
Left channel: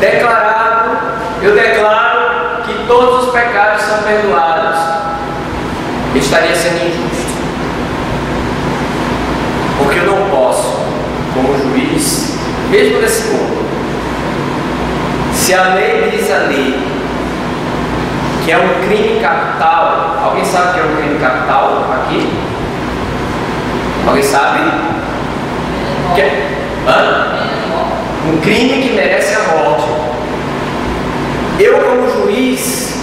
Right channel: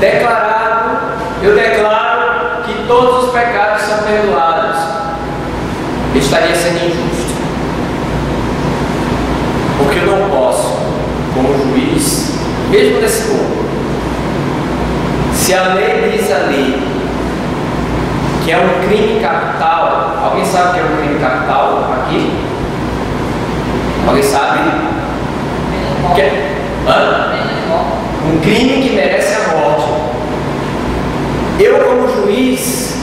declarado, eu declaro que todos os pecados são perdoados. Ele estaria sendo injusto. Porque eu não posso, como juiz, mesmo nesse mundo, se a lei diz ali que é um crime capital, alguém sabe o que é um crime capital aqui? Alguém sabe? Um crime que merece a morte. Eu, como juiz,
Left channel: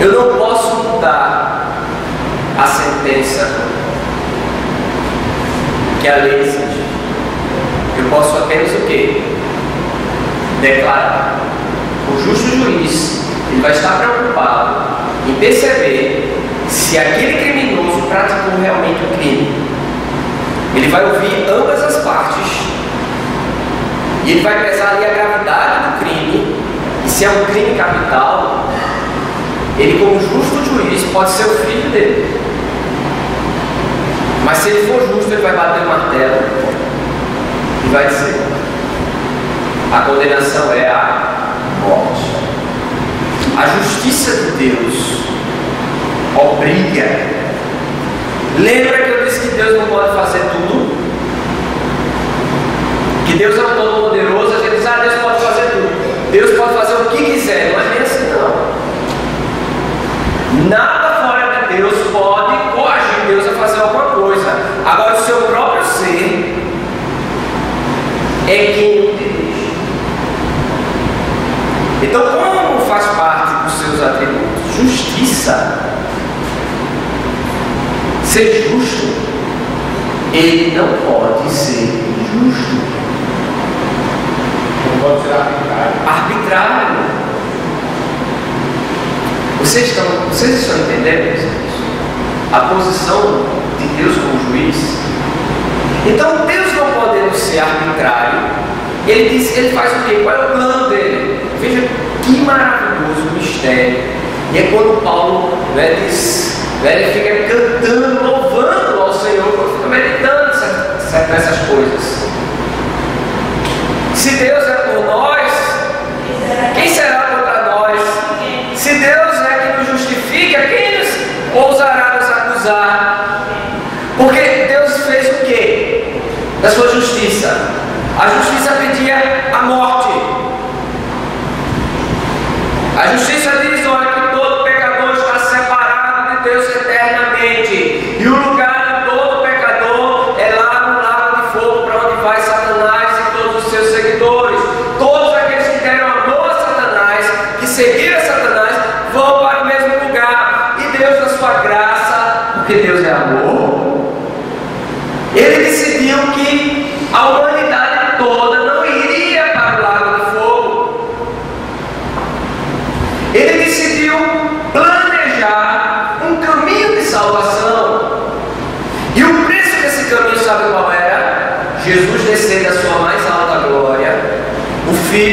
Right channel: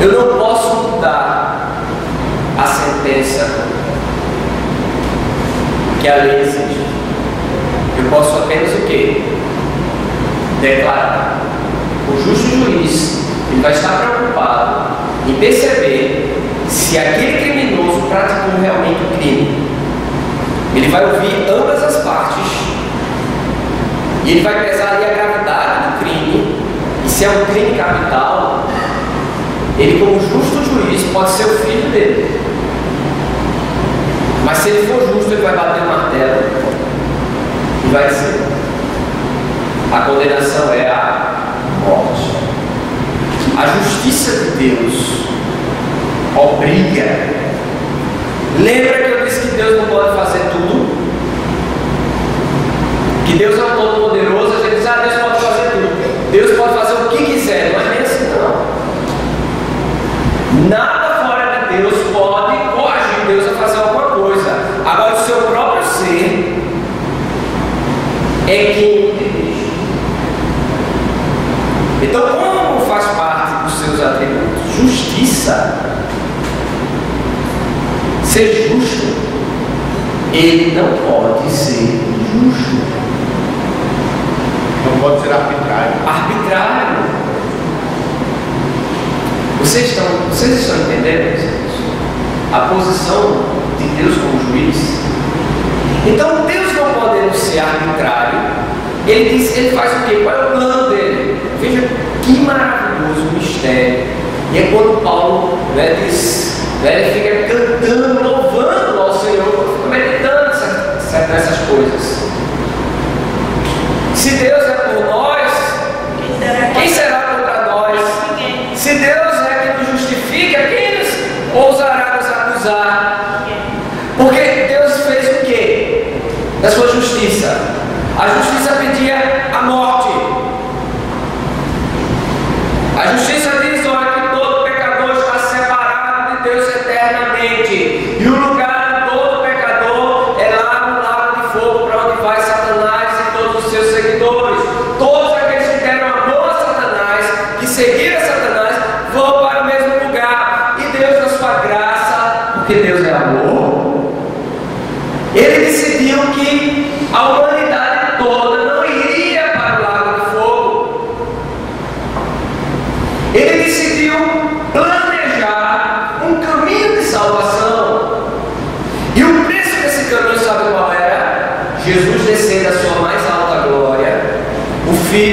eu não posso mudar a sentença que a lei exige. Eu posso apenas o quê? Declarar. O justo juiz, ele vai estar preocupado em perceber se aquele criminoso praticou realmente o crime. Ele vai ouvir ambas as partes e ele vai pesar ali a gravidade do crime. E se é um crime capital, ele, como justo juiz, pode ser o filho dele. Mas se ele for justo, ele vai bater o martelo e vai dizer: a condenação é a morte. A justiça de Deus obriga. Lembra que eu disse que Deus não pode fazer tudo? Que Deus é um todo-poderoso. A gente diz: Deus pode fazer tudo. Deus pode fazer o que quiser. Não é nem assim, não. Nada fora de Deus pode coagir Deus a fazer alguma coisa. Agora, o seu próprio ser é quem o dirige. Então, como faz parte dos seus atributos? Justiça. Ser justo, ele não pode ser injusto. Não pode ser arbitrário. Arbitrário. Vocês estão entendendo isso? A posição de Deus como juiz? Então, Deus não podendo ser arbitrário, ele faz o quê? Qual é o plano dele? Veja que maravilhoso mistério. E é quando Paulo diz, ele fica cantando, louvando ao Senhor, fica meditando nessas coisas. Se Deus é por nós, quem será contra nós? Se Deus é que nos justifica, quem nos ousará nos acusar? Porque Deus fez o quê? Da sua justiça. A justiça pedia a morte. A justiça diz: olha, que todo pecador está separado de Deus eternamente. E o lugar de todo pecador é lá no lago de fogo, para onde vai Satanás e todos os seus seguidores.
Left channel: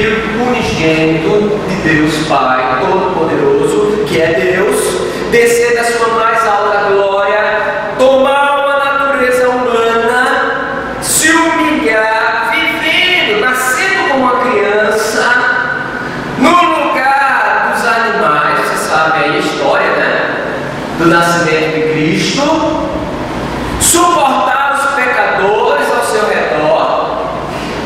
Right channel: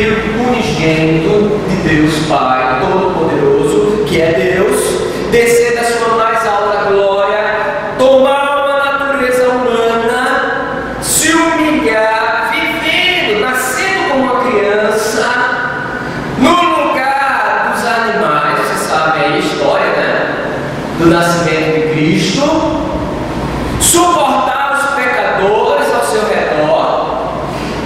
Filho unigênito de Deus Pai Todo-Poderoso, que é Deus, descer da sua mais alta glória, tomar uma natureza humana, se humilhar, vivendo, nascendo como uma criança, no lugar dos animais. Você sabe aí a história, né? Do nascimento de Cristo, suportar os pecadores ao seu redor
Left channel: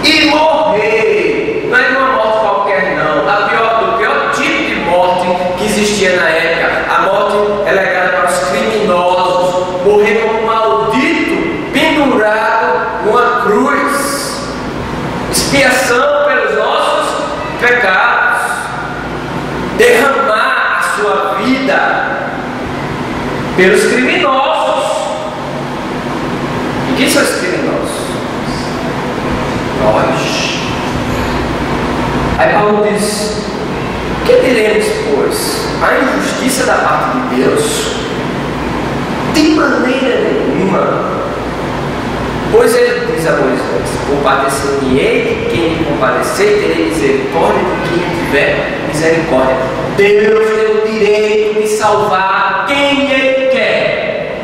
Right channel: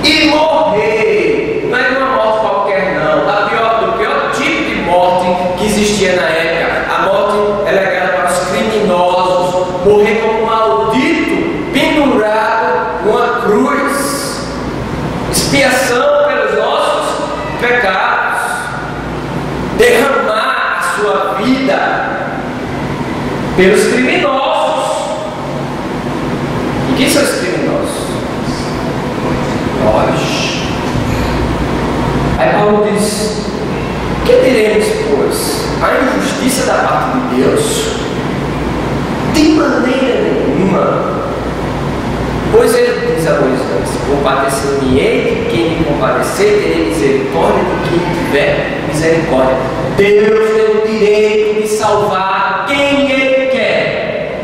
e morrer. Não é de uma morte qualquer, não. Do pior tipo de morte que existia na época. A morte é legada para os criminosos. Morrer como um maldito, pendurado numa cruz. Expiação pelos nossos pecados. Derramar a sua vida pelos criminosos. E quem são os criminosos? Nós. Aí Paulo diz: que diremos, pois? A injustiça da parte de Deus? De maneira nenhuma. Pois ele diz a Moisés: compadecer-me-ei de quem me compadecer, terei misericórdia de quem tiver misericórdia. Deus tem o direito de salvar quem ele quer.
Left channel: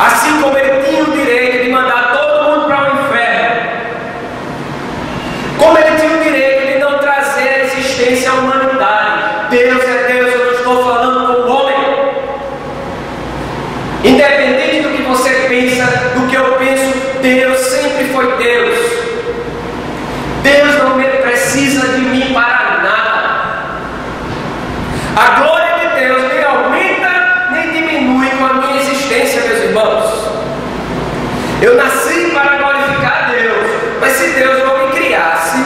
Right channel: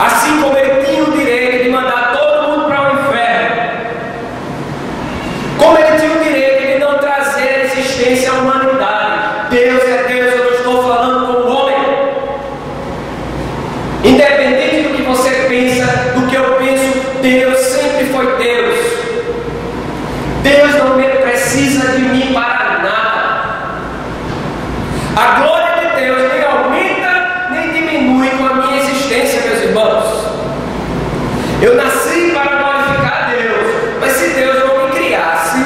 Assim como ele tinha o direito de mandar todo mundo para o inferno, como ele tinha o direito de não trazer a existência à humanidade. Deus é Deus, eu não estou falando como homem. Independente do que você pensa, do que eu penso, Deus sempre foi Deus. Deus não precisa de mim para nada. A glória de Deus nem aumenta nem diminui com a minha existência, meus irmãos. Eu nasci para glorificar a Deus, mas se Deus não me criasse,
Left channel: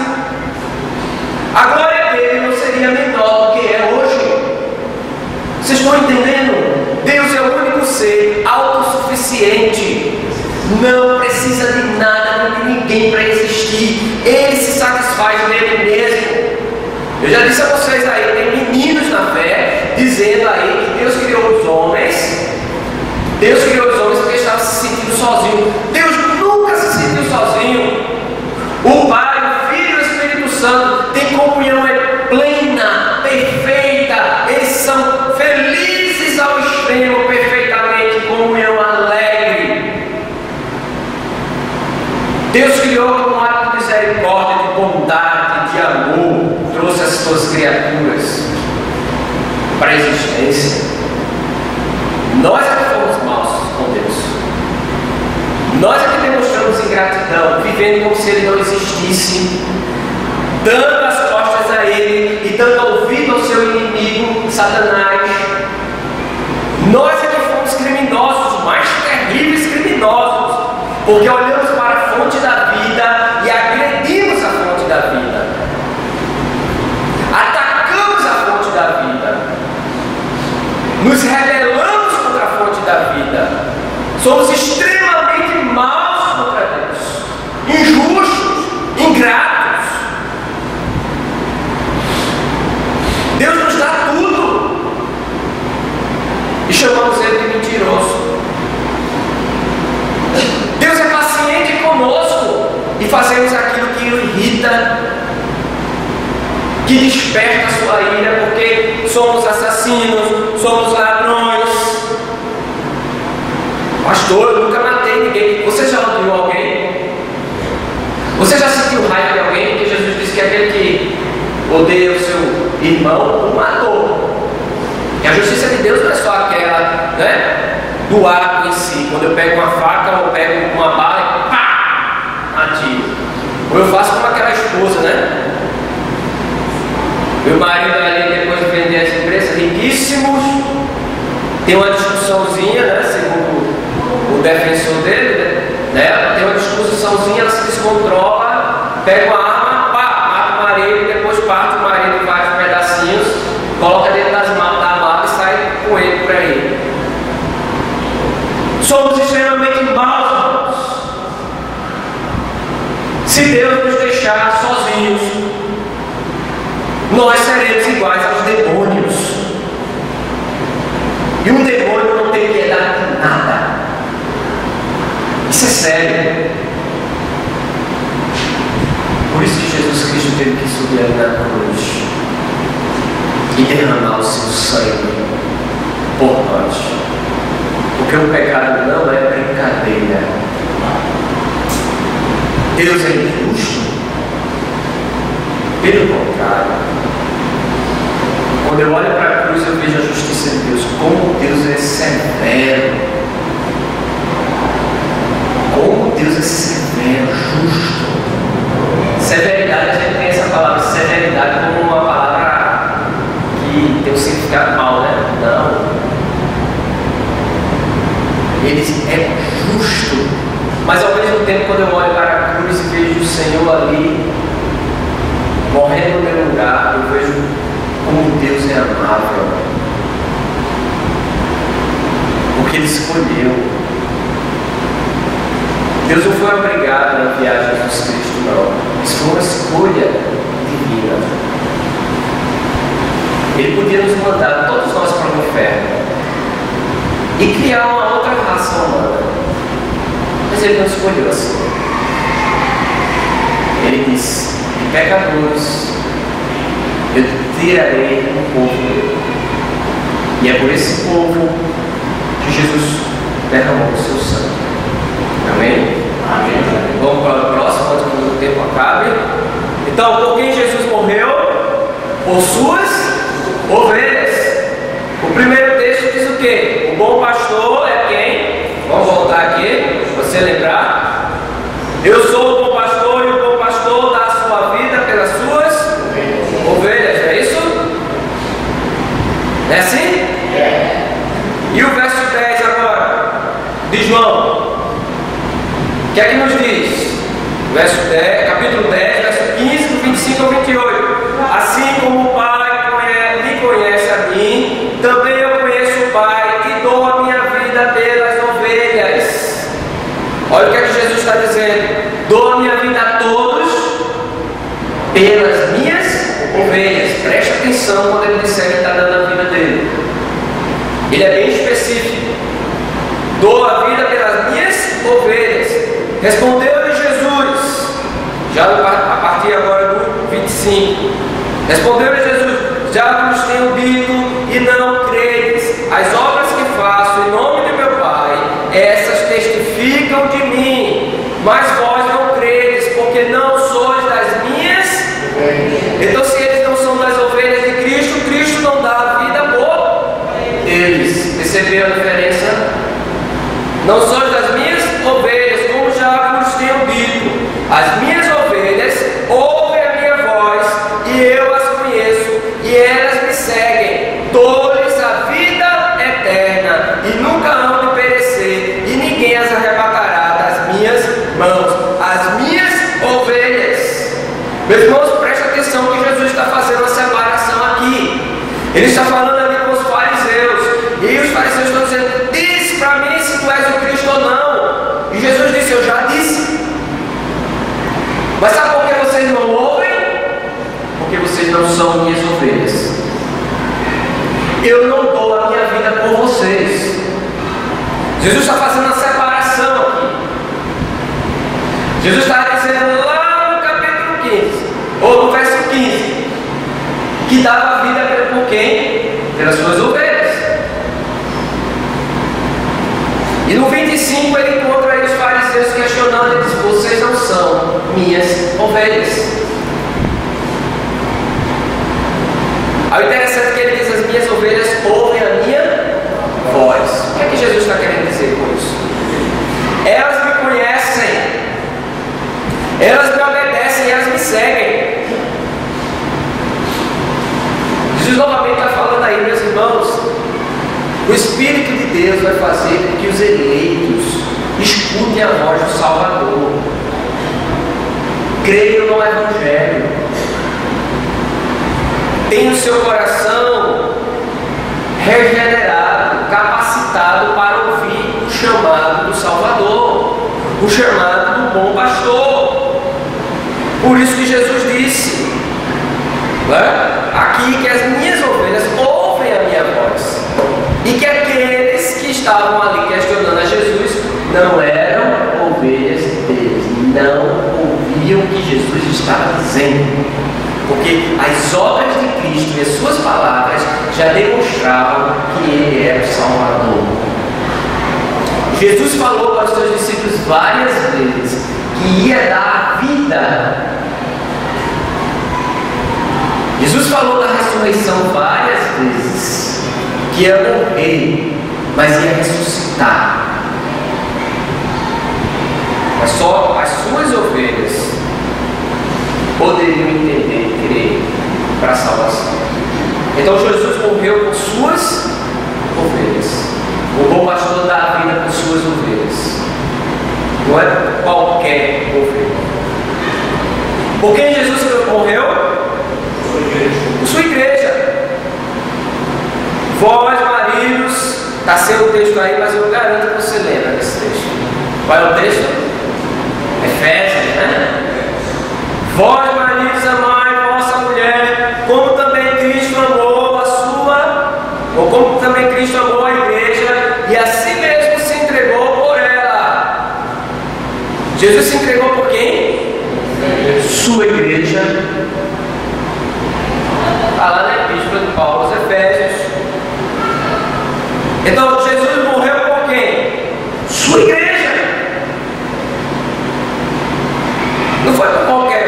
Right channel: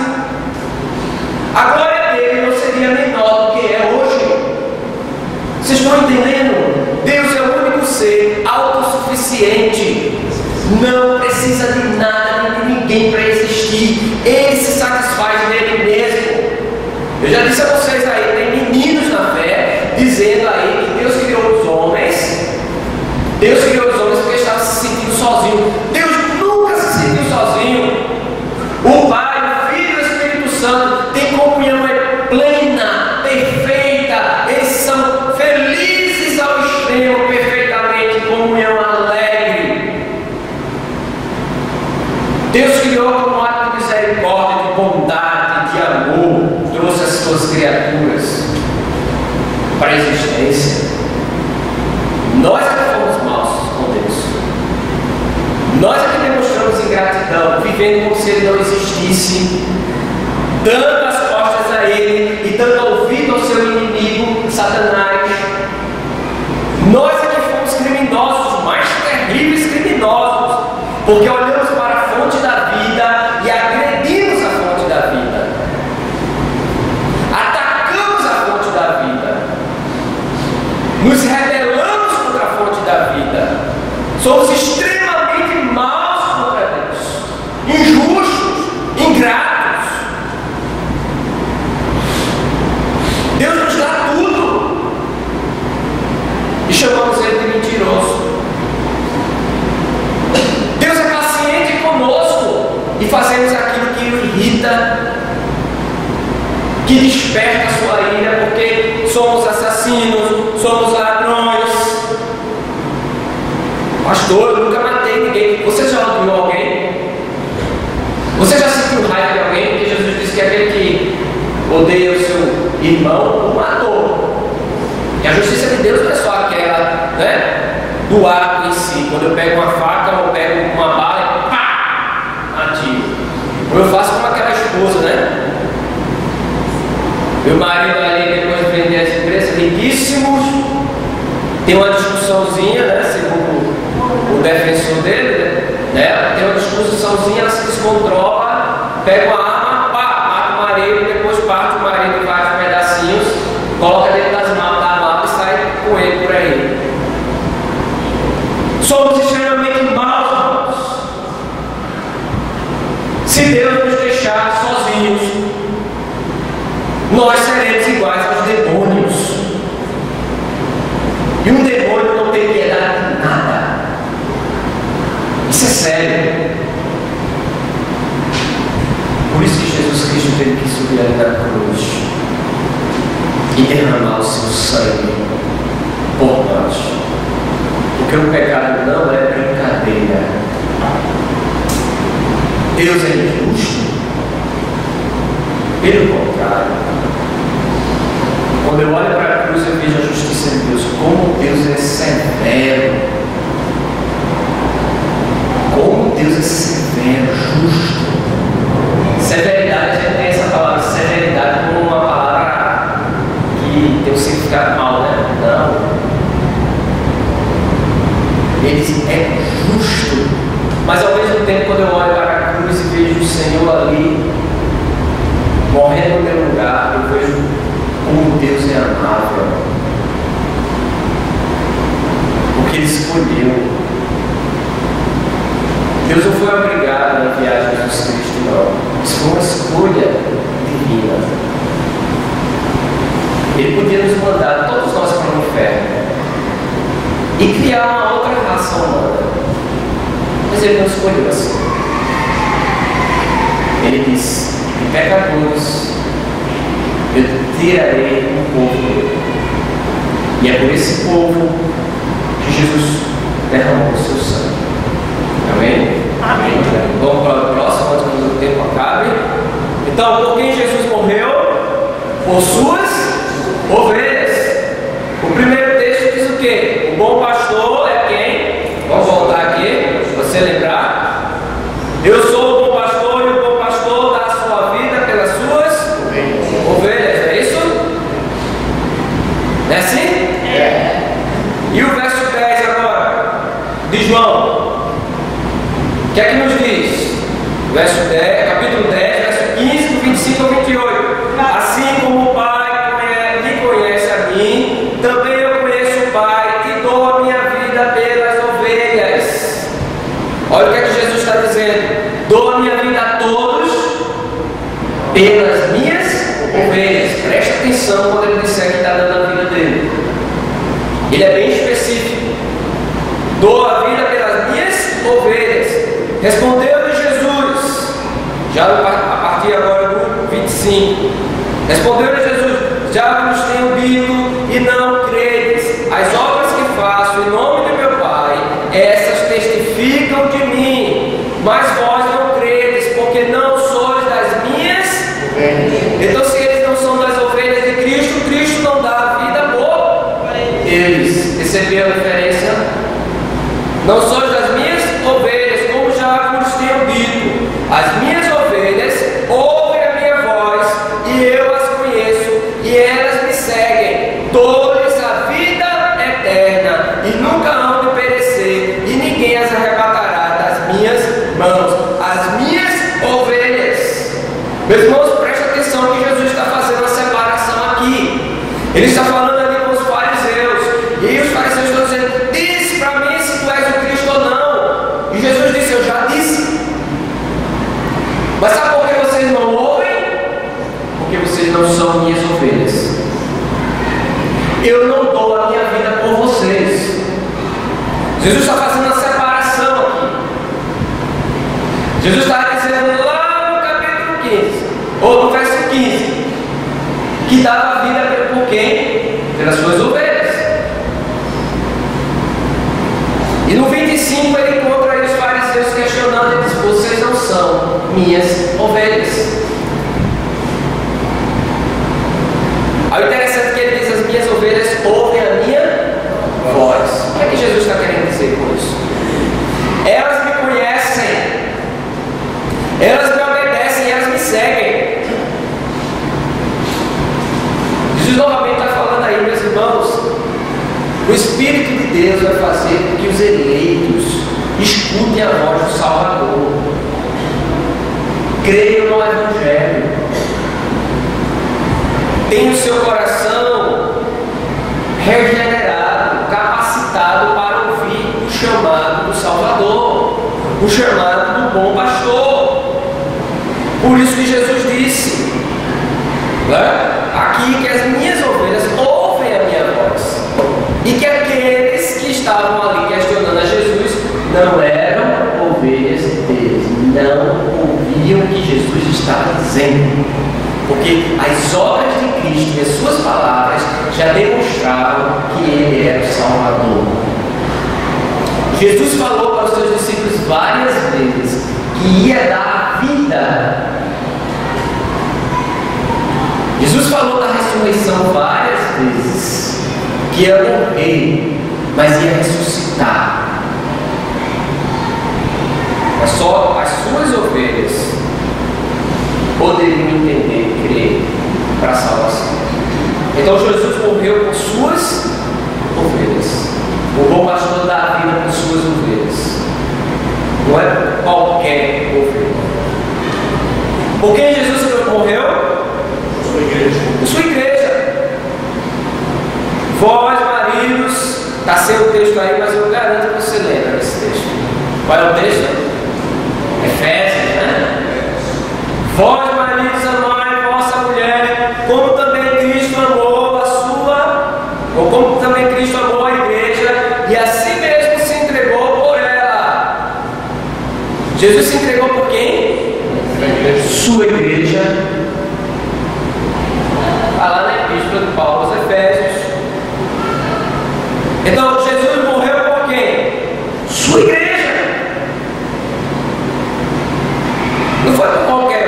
a glória dele não seria menor do que é hoje. Vocês estão entendendo? Deus é o único ser autossuficiente, não precisa de nada, de ninguém para existir. Ele se satisfaz nele mesmo. Eu já disse a vocês aí, tem meninos na fé dizendo aí que Deus criou os homens. Deus criou os homens porque estava se sentindo sozinho. Deus nunca se sentiu sozinho. O Pai, o Filho e o Espírito Santo têm comunhão plena, perfeita. Eles são felizes ao extremo, perfeitamente, comunhão alegre. Deus criou como um ato de misericórdia, de bondade, de amor, trouxe as suas criaturas para a existência. Nós é que fomos maus com Deus. Nós é que demonstramos ingratidão, vivendo como se Ele não existisse, dando as costas a Ele e dando ouvido ao seu inimigo, Satanás. Nós é que fomos criminosos, os mais terríveis criminosos, porque olhamos para a fonte da vida e agredimos a fonte da vida. Atacamos a fonte da vida. Nos rebelamos contra a fonte da vida. Somos extremamente maus contra Deus, injustos, ingratos. Deus nos dá tudo e chamamos Ele de mentiroso. Deus é paciente conosco e fazemos aquilo que o irrita, que desperta a sua ira, porque somos assassinos, somos ladrões. Pastor, eu nunca matei ninguém. Você já odiou alguém? Você já sentiu raiva de alguém? Porque Jesus disse que aquele que odeia o seu irmão o matou. E a justiça de Deus não é só aquela, né, do ato em si. Quando eu pego uma faca ou pego uma bala e pá, atiro. Ou eu faço como aquela esposa, né? Meu marido ali, depois de vender as empresas, riquíssimos, tem uma discussãozinha, né, segundo o defensor dele, né? Tem uma discussãozinha, ela se descontrola, pega uma arma, pá, mata o marido, e depois parte o marido em vários pedacinhos, coloca dentro da mala e sai com ele por aí. Somos extremamente maus, irmãos. Se Deus nos deixar sozinhos, nós seremos iguais aos demônios. E um demônio não tem piedade de nada. Isso é sério. Por isso que Jesus Cristo teve que subir ali na cruz e derramar o seu sangue por nós. Porque o pecado não é brincadeira. Deus é injusto? Pelo contrário. Quando eu olho para a cruz, eu vejo a justiça de Deus. Como Deus é severo. Como Deus é severo, justo. Severidade, a gente tem essa palavra severidade como uma palavra que tem um significado mal, né? Não. Ele é justo. Mas ao mesmo tempo, quando eu olho para a cruz e vejo o Senhor ali, morrendo no meu lugar, eu vejo como Deus é amável. Porque Ele escolheu. Deus não foi obrigado a enviar Jesus Cristo, não. Isso foi uma escolha divina. Ele podia nos mandar todos nós para o inferno e criar uma outra raça humana. Mas Ele não escolheu assim. Ele disse: de pecadores eu tirarei um povo. E é por esse povo que Jesus derramou o seu sangue. Amém? Amém. Vamos para o próximo, antes que o tempo acabe. Então, por quem Jesus morreu? Por suas ovelhas. O primeiro texto diz o quê? O bom pastor é quem? Vamos voltar aqui, para você lembrar. Eu sou o bom pastor e o bom pastor dá a sua vida pelas suas ovelhas. Não é isso? Não é assim? É. E o verso 10 agora, de João. O que é que nos diz? Verso 10, capítulo 10, verso 15, do 25 ao 28. Assim como o Pai me conhece a mim, também eu conheço o Pai e dou a minha vida pelas ovelhas. Olha o que é que Jesus está dizendo. Dou a minha vida a todos pelas minhas ovelhas. Preste atenção quando ele disser que está dando a vida dele. Ele é bem específico. Dou a vida pelas minhas ovelhas. Respondeu-lhe Jesus, já a partir agora do 25. Respondeu-lhe Jesus: já vos tenho dito e não credes. As obras que faço em nome de meu Pai, essas testificam de mim. Mas vós não credes, porque não sois das minhas. Então, se eles não são das ovelhas de Cristo, Cristo não dá a vida por eles. Perceberam a diferença? Não sois das minhas ovelhas, como já vos tenho dito. As minhas ovelhas ouvem a minha voz, e eu as conheço, e elas me seguem. Dou-lhes a vida eterna, e nunca hão de perecer, e ninguém as arrebatará das minhas mãos. As minhas ovelhas. Meus irmãos, preste atenção que Jesus está fazendo uma separação aqui. Ele está falando ali com os fariseus, e os fariseus estão dizendo: diz para mim se tu és o Cristo ou não. E Jesus disse: eu já disse. Mas sabe por que vocês não ouvem? Porque vocês não são minhas ovelhas. Eu não dou a minha vida por vocês. Jesus está fazendo uma separação aqui. Jesus está dizendo lá no capítulo 15, ou no verso 15, que dava a vida por quem? Pelas suas ovelhas. E no 25 ele encontra aí os fariseus questionando. Ele diz: vocês não são minhas ovelhas. Aí o interessante é que ele diz: as minhas ovelhas ouvem a minha voz. O que é que Jesus está querendo dizer com isso? Elas me conhecem, elas me obedecem e elas me seguem. Jesus novamente está falando aí, meus irmãos, o Espírito de Deus vai fazer com que os eleitos escutem a voz do Salvador, creiam no Evangelho, tenham o seu coração regenerado, capacitado para ouvir o chamado do Salvador, o chamado do bom pastor. Por isso que Jesus disse, aqui, que as minhas ovelhas ouvem a minha voz, e que aqueles que estavam ali questionando a Jesus não eram ovelhas deles, não ouviam o que Jesus estava dizendo, porque as obras de Cristo e as suas palavras já demonstravam que Ele era o Salvador. Jesus falou para os seus discípulos várias vezes que ia dar a vida. Jesus falou da ressurreição várias vezes, que ia morrer, mas ia ressuscitar. Mas só as suas ovelhas poderiam entender e crer para a salvação. Então Jesus morreu por suas ovelhas. O bom pastor dá a vida por suas ovelhas. Não é por qualquer ovelha. Por quem Jesus morreu? Sua igreja. Por sua igreja. Vós, maridos, está sem o texto aí, mas eu garanto que você lembra desse texto. Qual é o texto? Efésios, né? Vós, maridos, amai vossa mulher, como também Cristo amou a sua, ou como também Cristo amou a igreja, e assim mesmo se entregou por ela. Jesus se entregou por quem? Sua igreja. Está lá na Epístola de Paulo aos Efésios. Então, Jesus morreu por quem? Sua igreja. Não foi por qualquer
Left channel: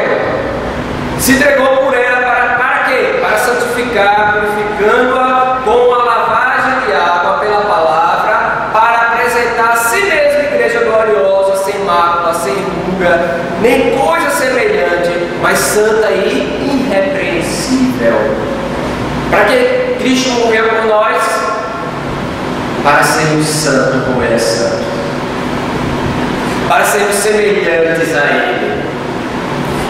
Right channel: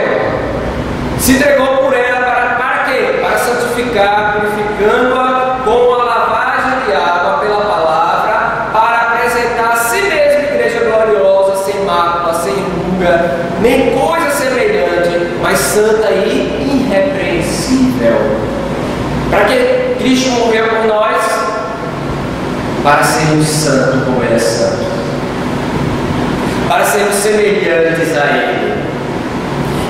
um. Se entregou por ela para quê? Para santificar, purificando-a com a lavagem de água pela palavra, para apresentar a si mesma igreja gloriosa, sem mácula, sem ruga, nem coisa semelhante, mas santa e irrepreensível. Para que Cristo morreu por nós? Para sermos santos como Ele é santo, para sermos semelhantes a Ele.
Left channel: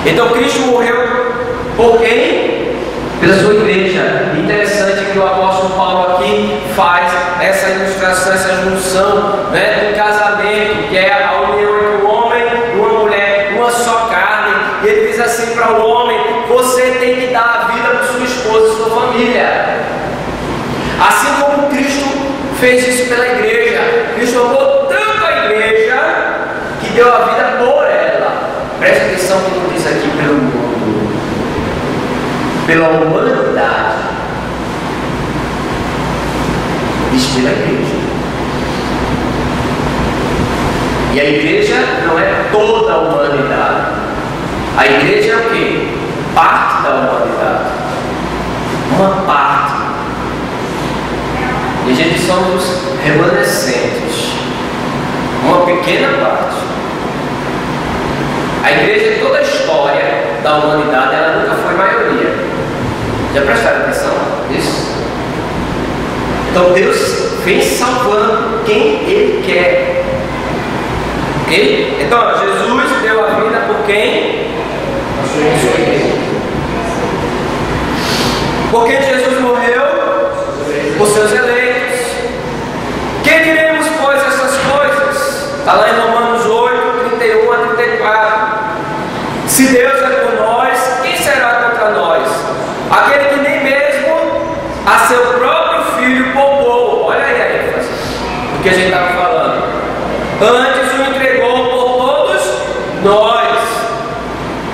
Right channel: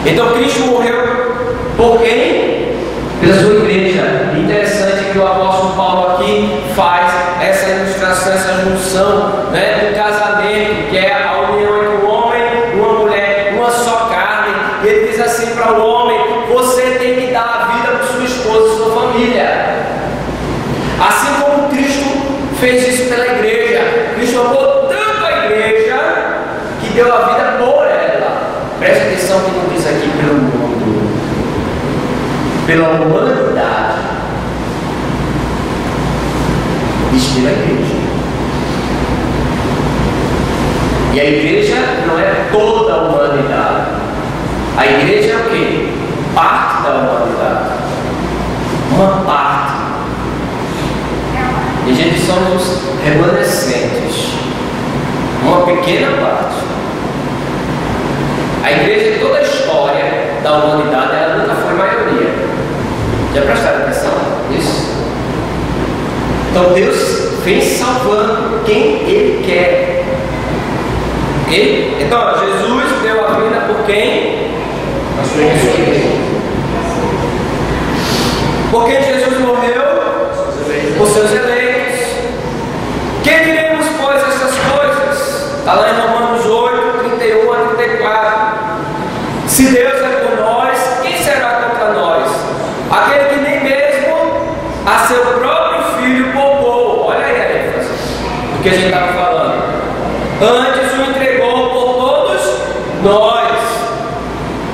Então Cristo morreu por quem? Pela sua igreja. Interessante que o apóstolo Paulo aqui faz essa ilustração, essa junção, né, do casamento, que é a união entre um homem e uma mulher, uma só carne. E ele diz assim para o homem: você tem que dar a vida por sua esposa e sua família. Assim como Cristo fez isso pela igreja. Cristo amou tanto a igreja que deu a vida por ela. Preste atenção que não diz aqui pelo mundo, pela humanidade, diz pela igreja. E a igreja não é toda a humanidade. A igreja é o quê? Parte da humanidade. Uma parte. E a gente somos os remanescentes. Uma pequena parte. A igreja, toda a história da humanidade, ela nunca foi maioria. Já prestaram atenção nisso? Então Deus vem salvando quem Ele quer. Ok? Então Jesus deu a vida por quem? A sua igreja. Por quem Jesus morreu? Por seus eleitos. Quem diremos, pois, essas coisas? Está lá em Romanos 8, 31 a 34. Se Deus é por nós, quem será contra nós? Aquele que nem mesmo a seu próprio filho poupou. Olha aí a ênfase do que a gente estava falando. Antes o entregou por todos nós.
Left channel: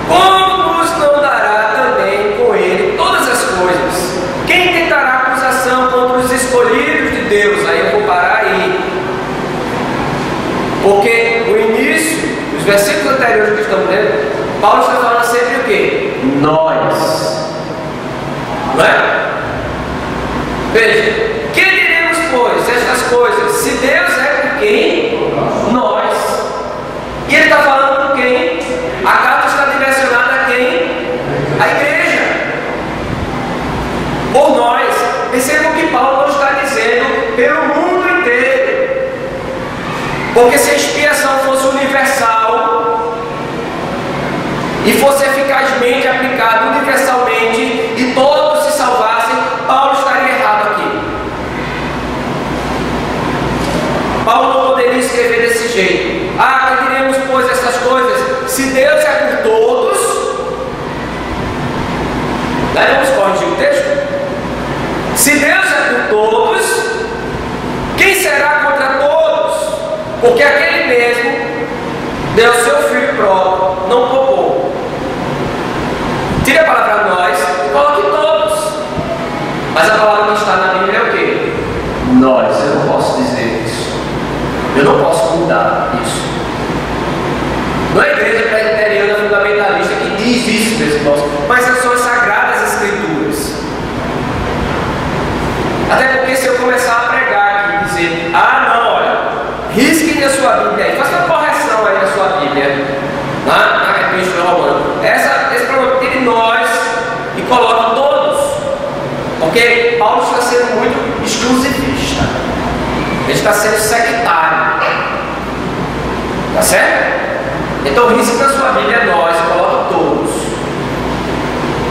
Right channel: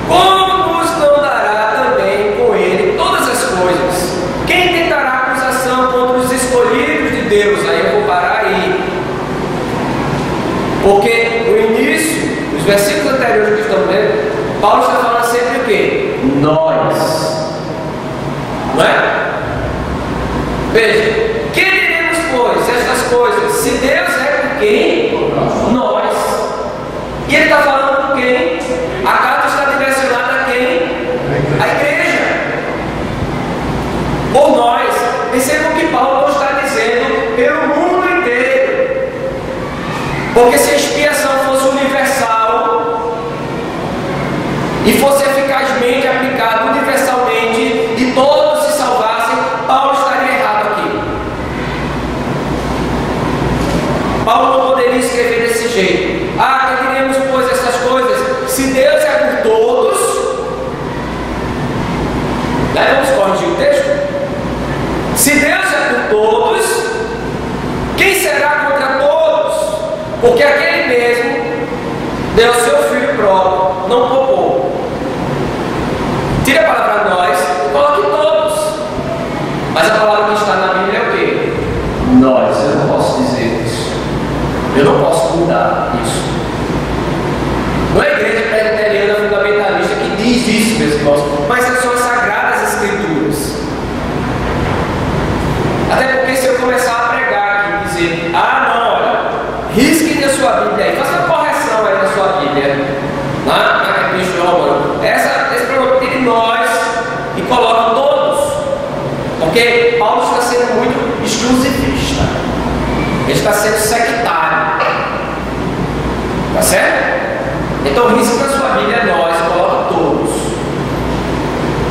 Como nos não dará também com ele todas as coisas? Quem tentará acusação contra os escolhidos de Deus? Aí eu vou parar aí. Porque no início, os versículos anteriores que estamos lendo, Paulo está falando sempre o quê? Nós. Não é? Veja, que diremos, pois, estas coisas? Se Deus é por quem? Nós. E ele está falando por quem? A carta está direcionada a quem? A igreja. Por nós. Percebam que Paulo não está dizendo pelo mundo inteiro. Porque se a expiação fosse universal e fosse eficazmente aplicada universalmente e todos se salvassem, Paulo estaria errado aqui. Paulo não poderia escrever desse jeito. Que diremos, pois, essas coisas? Se Deus é por todos, né? Vamos corrigir o texto. Se Deus é por todos, quem será contra todos? Porque aquele mesmo deu seu filho próprio, não poupou. Tire a palavra nós e coloque todos. Mas a palavra que está na Bíblia é o quê? Nós. Eu não posso dizer isso. Eu não posso mudar isso. Não é a igreja presbiteriana fundamentalista que diz isso, meus irmãos, mas são as Sagradas Escrituras. Até porque se eu começar a pregar aqui e dizer, não, olha, risque na sua Bíblia aí, faça uma correção aí na sua Bíblia, na Epístola Romana. Esse problema, tire nós e coloque todos. Porque Paulo está sendo muito exclusivista. Ele está sendo sectário. Tá certo? Então risque na sua Bíblia nós e coloque todos.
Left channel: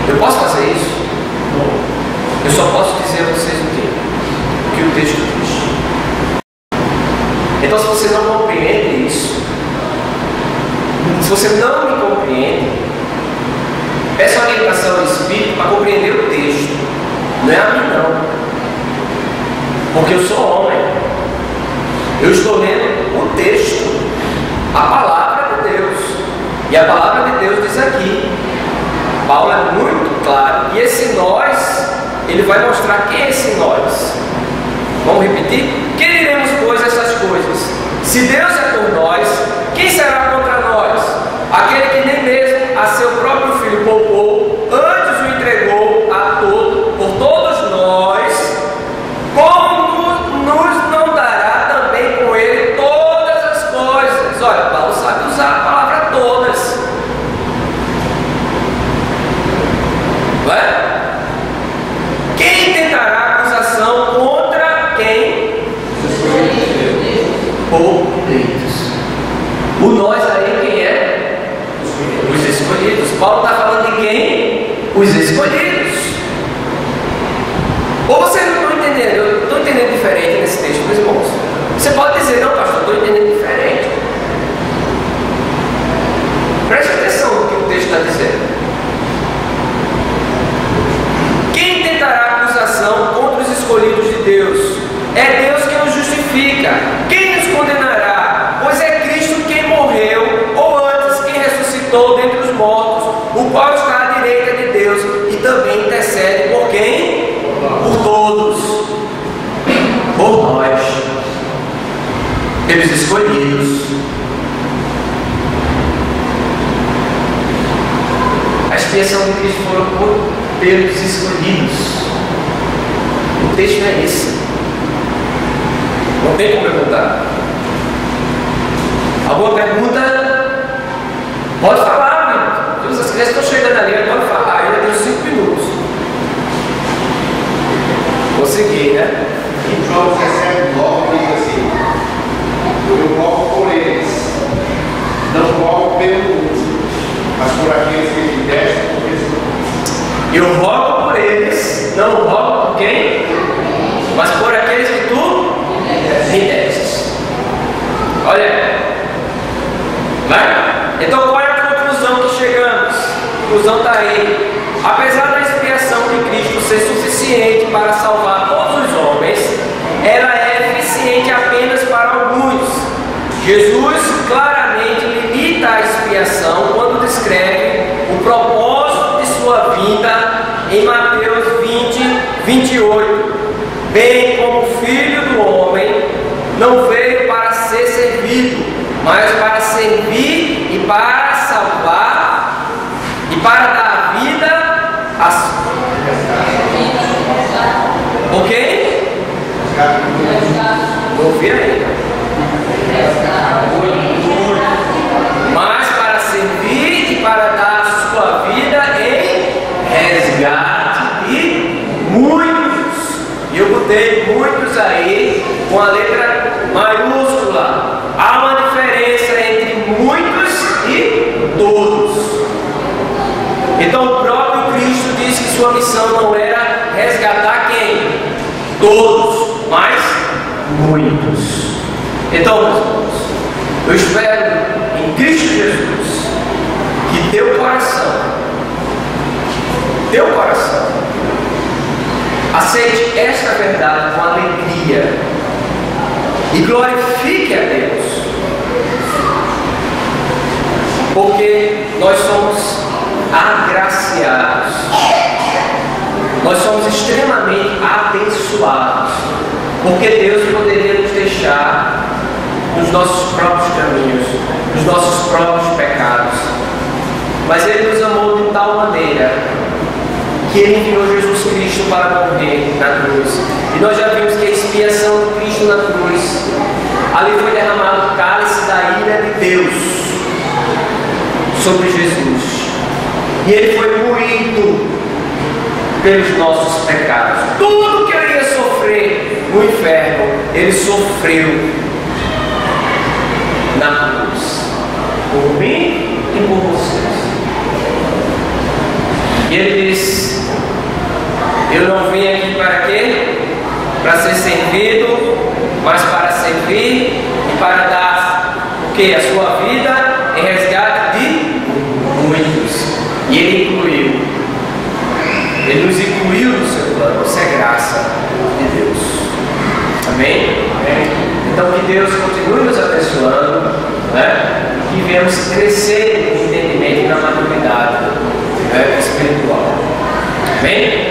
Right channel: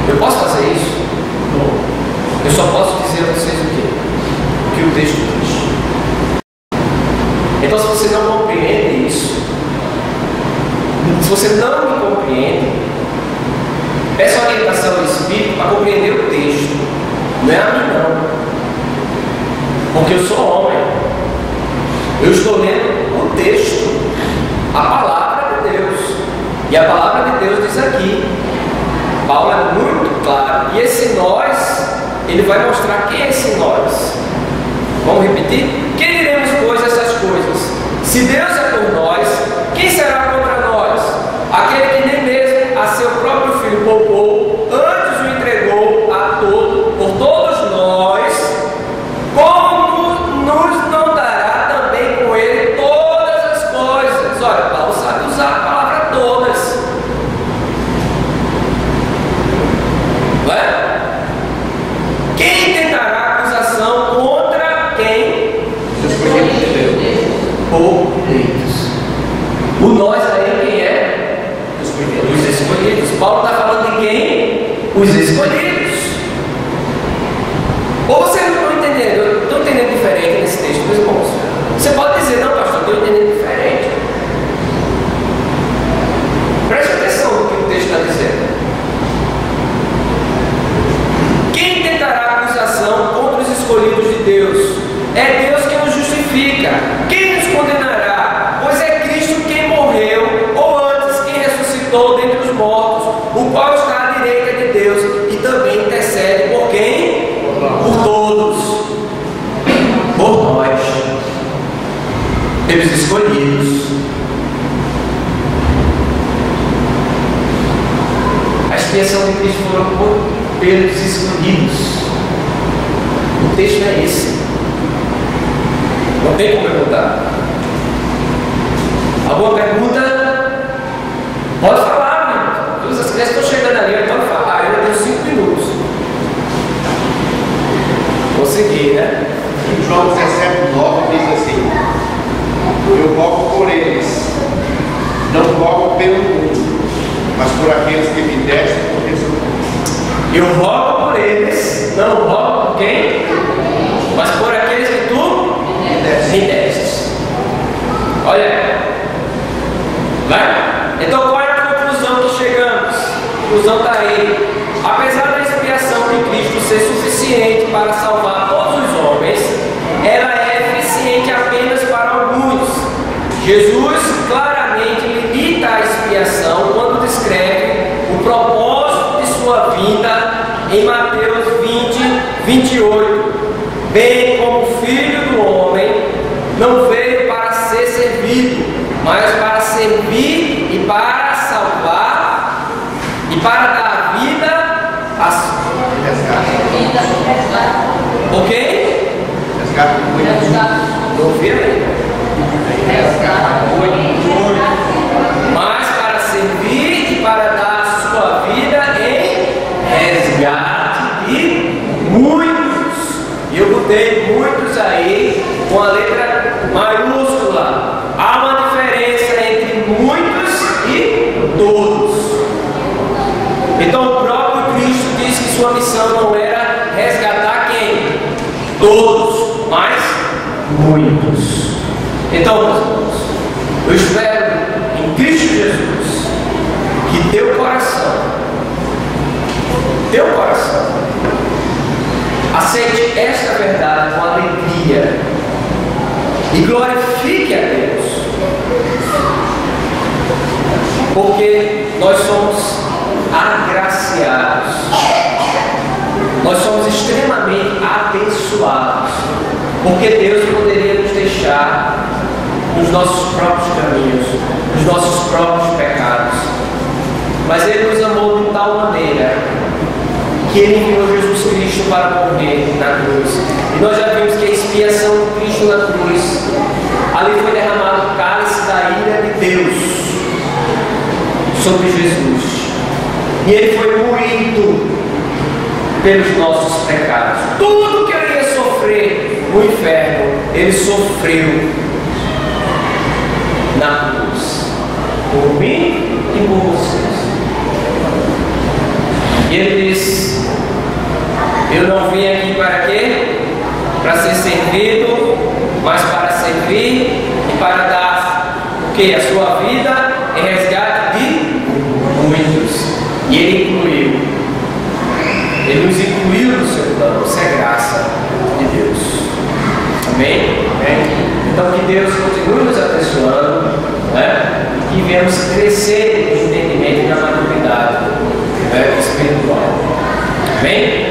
Eu posso fazer isso? Não. Eu só posso dizer a vocês o quê? O que o texto diz. Então, se você não compreende isso, se você não me compreende, peça a orientação do Espírito para compreender o texto. Não é a mim, não. Porque eu sou homem. Eu estou lendo o texto, a palavra de Deus. E a palavra de Deus diz aqui. Paulo é muito claro. E esse nós, ele vai mostrar quem é esse nós. Vamos repetir? Quem diremos, pois, essas coisas? Se Deus é por nós, quem será contra nós? Aquele que nem mesmo a seu próprio filho poupou, antes o entregou por todos nós, como nos não dará também com ele todas as coisas? Olha, Paulo sabe usar a palavra todas. Não é? Quem tentará acusação contra quem? Ou eleitos. O nós aí quem é? Os escolhidos. Paulo está falando de quem? Os escolhidos. Ou vocês não estão entendendo? Estão entendendo diferente nesse texto, meus irmãos? Você pode dizer, não, pastor, estou entendendo diferente. Preste atenção no que o texto está dizendo. Quem tentará acusação contra os escolhidos de Deus? É Deus quem nos justifica. Quem nos condenará? Pois é Cristo quem morreu, ou antes quem ressuscitou dentre os mortos, o qual está à direita de Deus e também intercede por quem? Por todos. Por nós. Pelos escolhidos. A expiação de Cristo foi pelos escolhidos. O texto é esse. Não tem como perguntar. Alguma pergunta? Pode falar, meu. Todas as crianças estão chegando ali, pode falar. Ainda tenho 5 minutos. Vou seguir, né? Em João 17:9 diz assim: eu rogo por eles, não rogo pelo mundo, mas por aqueles que me deste por Jesus. Eu rogo por eles, não rogo por quem? Mas por aqueles que tu me deste. Olha, vai? Então qual é a conclusão que chegamos? A conclusão está aí. Apesar da expiação de Cristo ser suficiente para salvar todos os homens, ela é eficiente apenas para alguns. Jesus claramente limita a expiação quando descreve o propósito de sua vinda em Mateus 20:28. Bem como o Filho do Homem não veio para ser servido, mas para servir e para salvar e para dar vida a ok? Não ouvi ainda. Mas para servir e para dar a sua vida em resgate de muitos. E eu botei muitos aí com a letra maiúscula. Há uma diferença entre muitos e todos. Então o próprio Cristo disse que sua missão não era resgatar quem? Todos, mas muitos. Então, meus irmãos, eu espero em Cristo Jesus que teu coração aceite esta verdade com alegria e glorifique a Deus, porque nós somos agraciados. Nós somos extremamente abençoados, porque Deus poderia nos deixar nos nossos próprios caminhos, nos nossos próprios pecados. Mas Ele nos amou de tal maneira que Ele enviou Jesus Cristo para morrer na cruz. E nós já vimos que a expiação de Cristo na cruz, ali foi derramado o cálice da ira de Deus sobre Jesus. E Ele foi moído pelos nossos pecados. Tudo que Ele ia sofrer no inferno, Ele sofreu na cruz, por mim e por vocês. E Ele diz: eu não vim aqui para quê? Para ser servido, mas para servir e para dar o quê? A sua vida em resgate de muitos. E Ele incluiu. Ele nos incluiu no seu plano. Isso é graça de Deus. Amém? Então que Deus continue nos abençoando, né? E que venhamos crescer no entendimento e na maturidade, né, espiritual. Amém?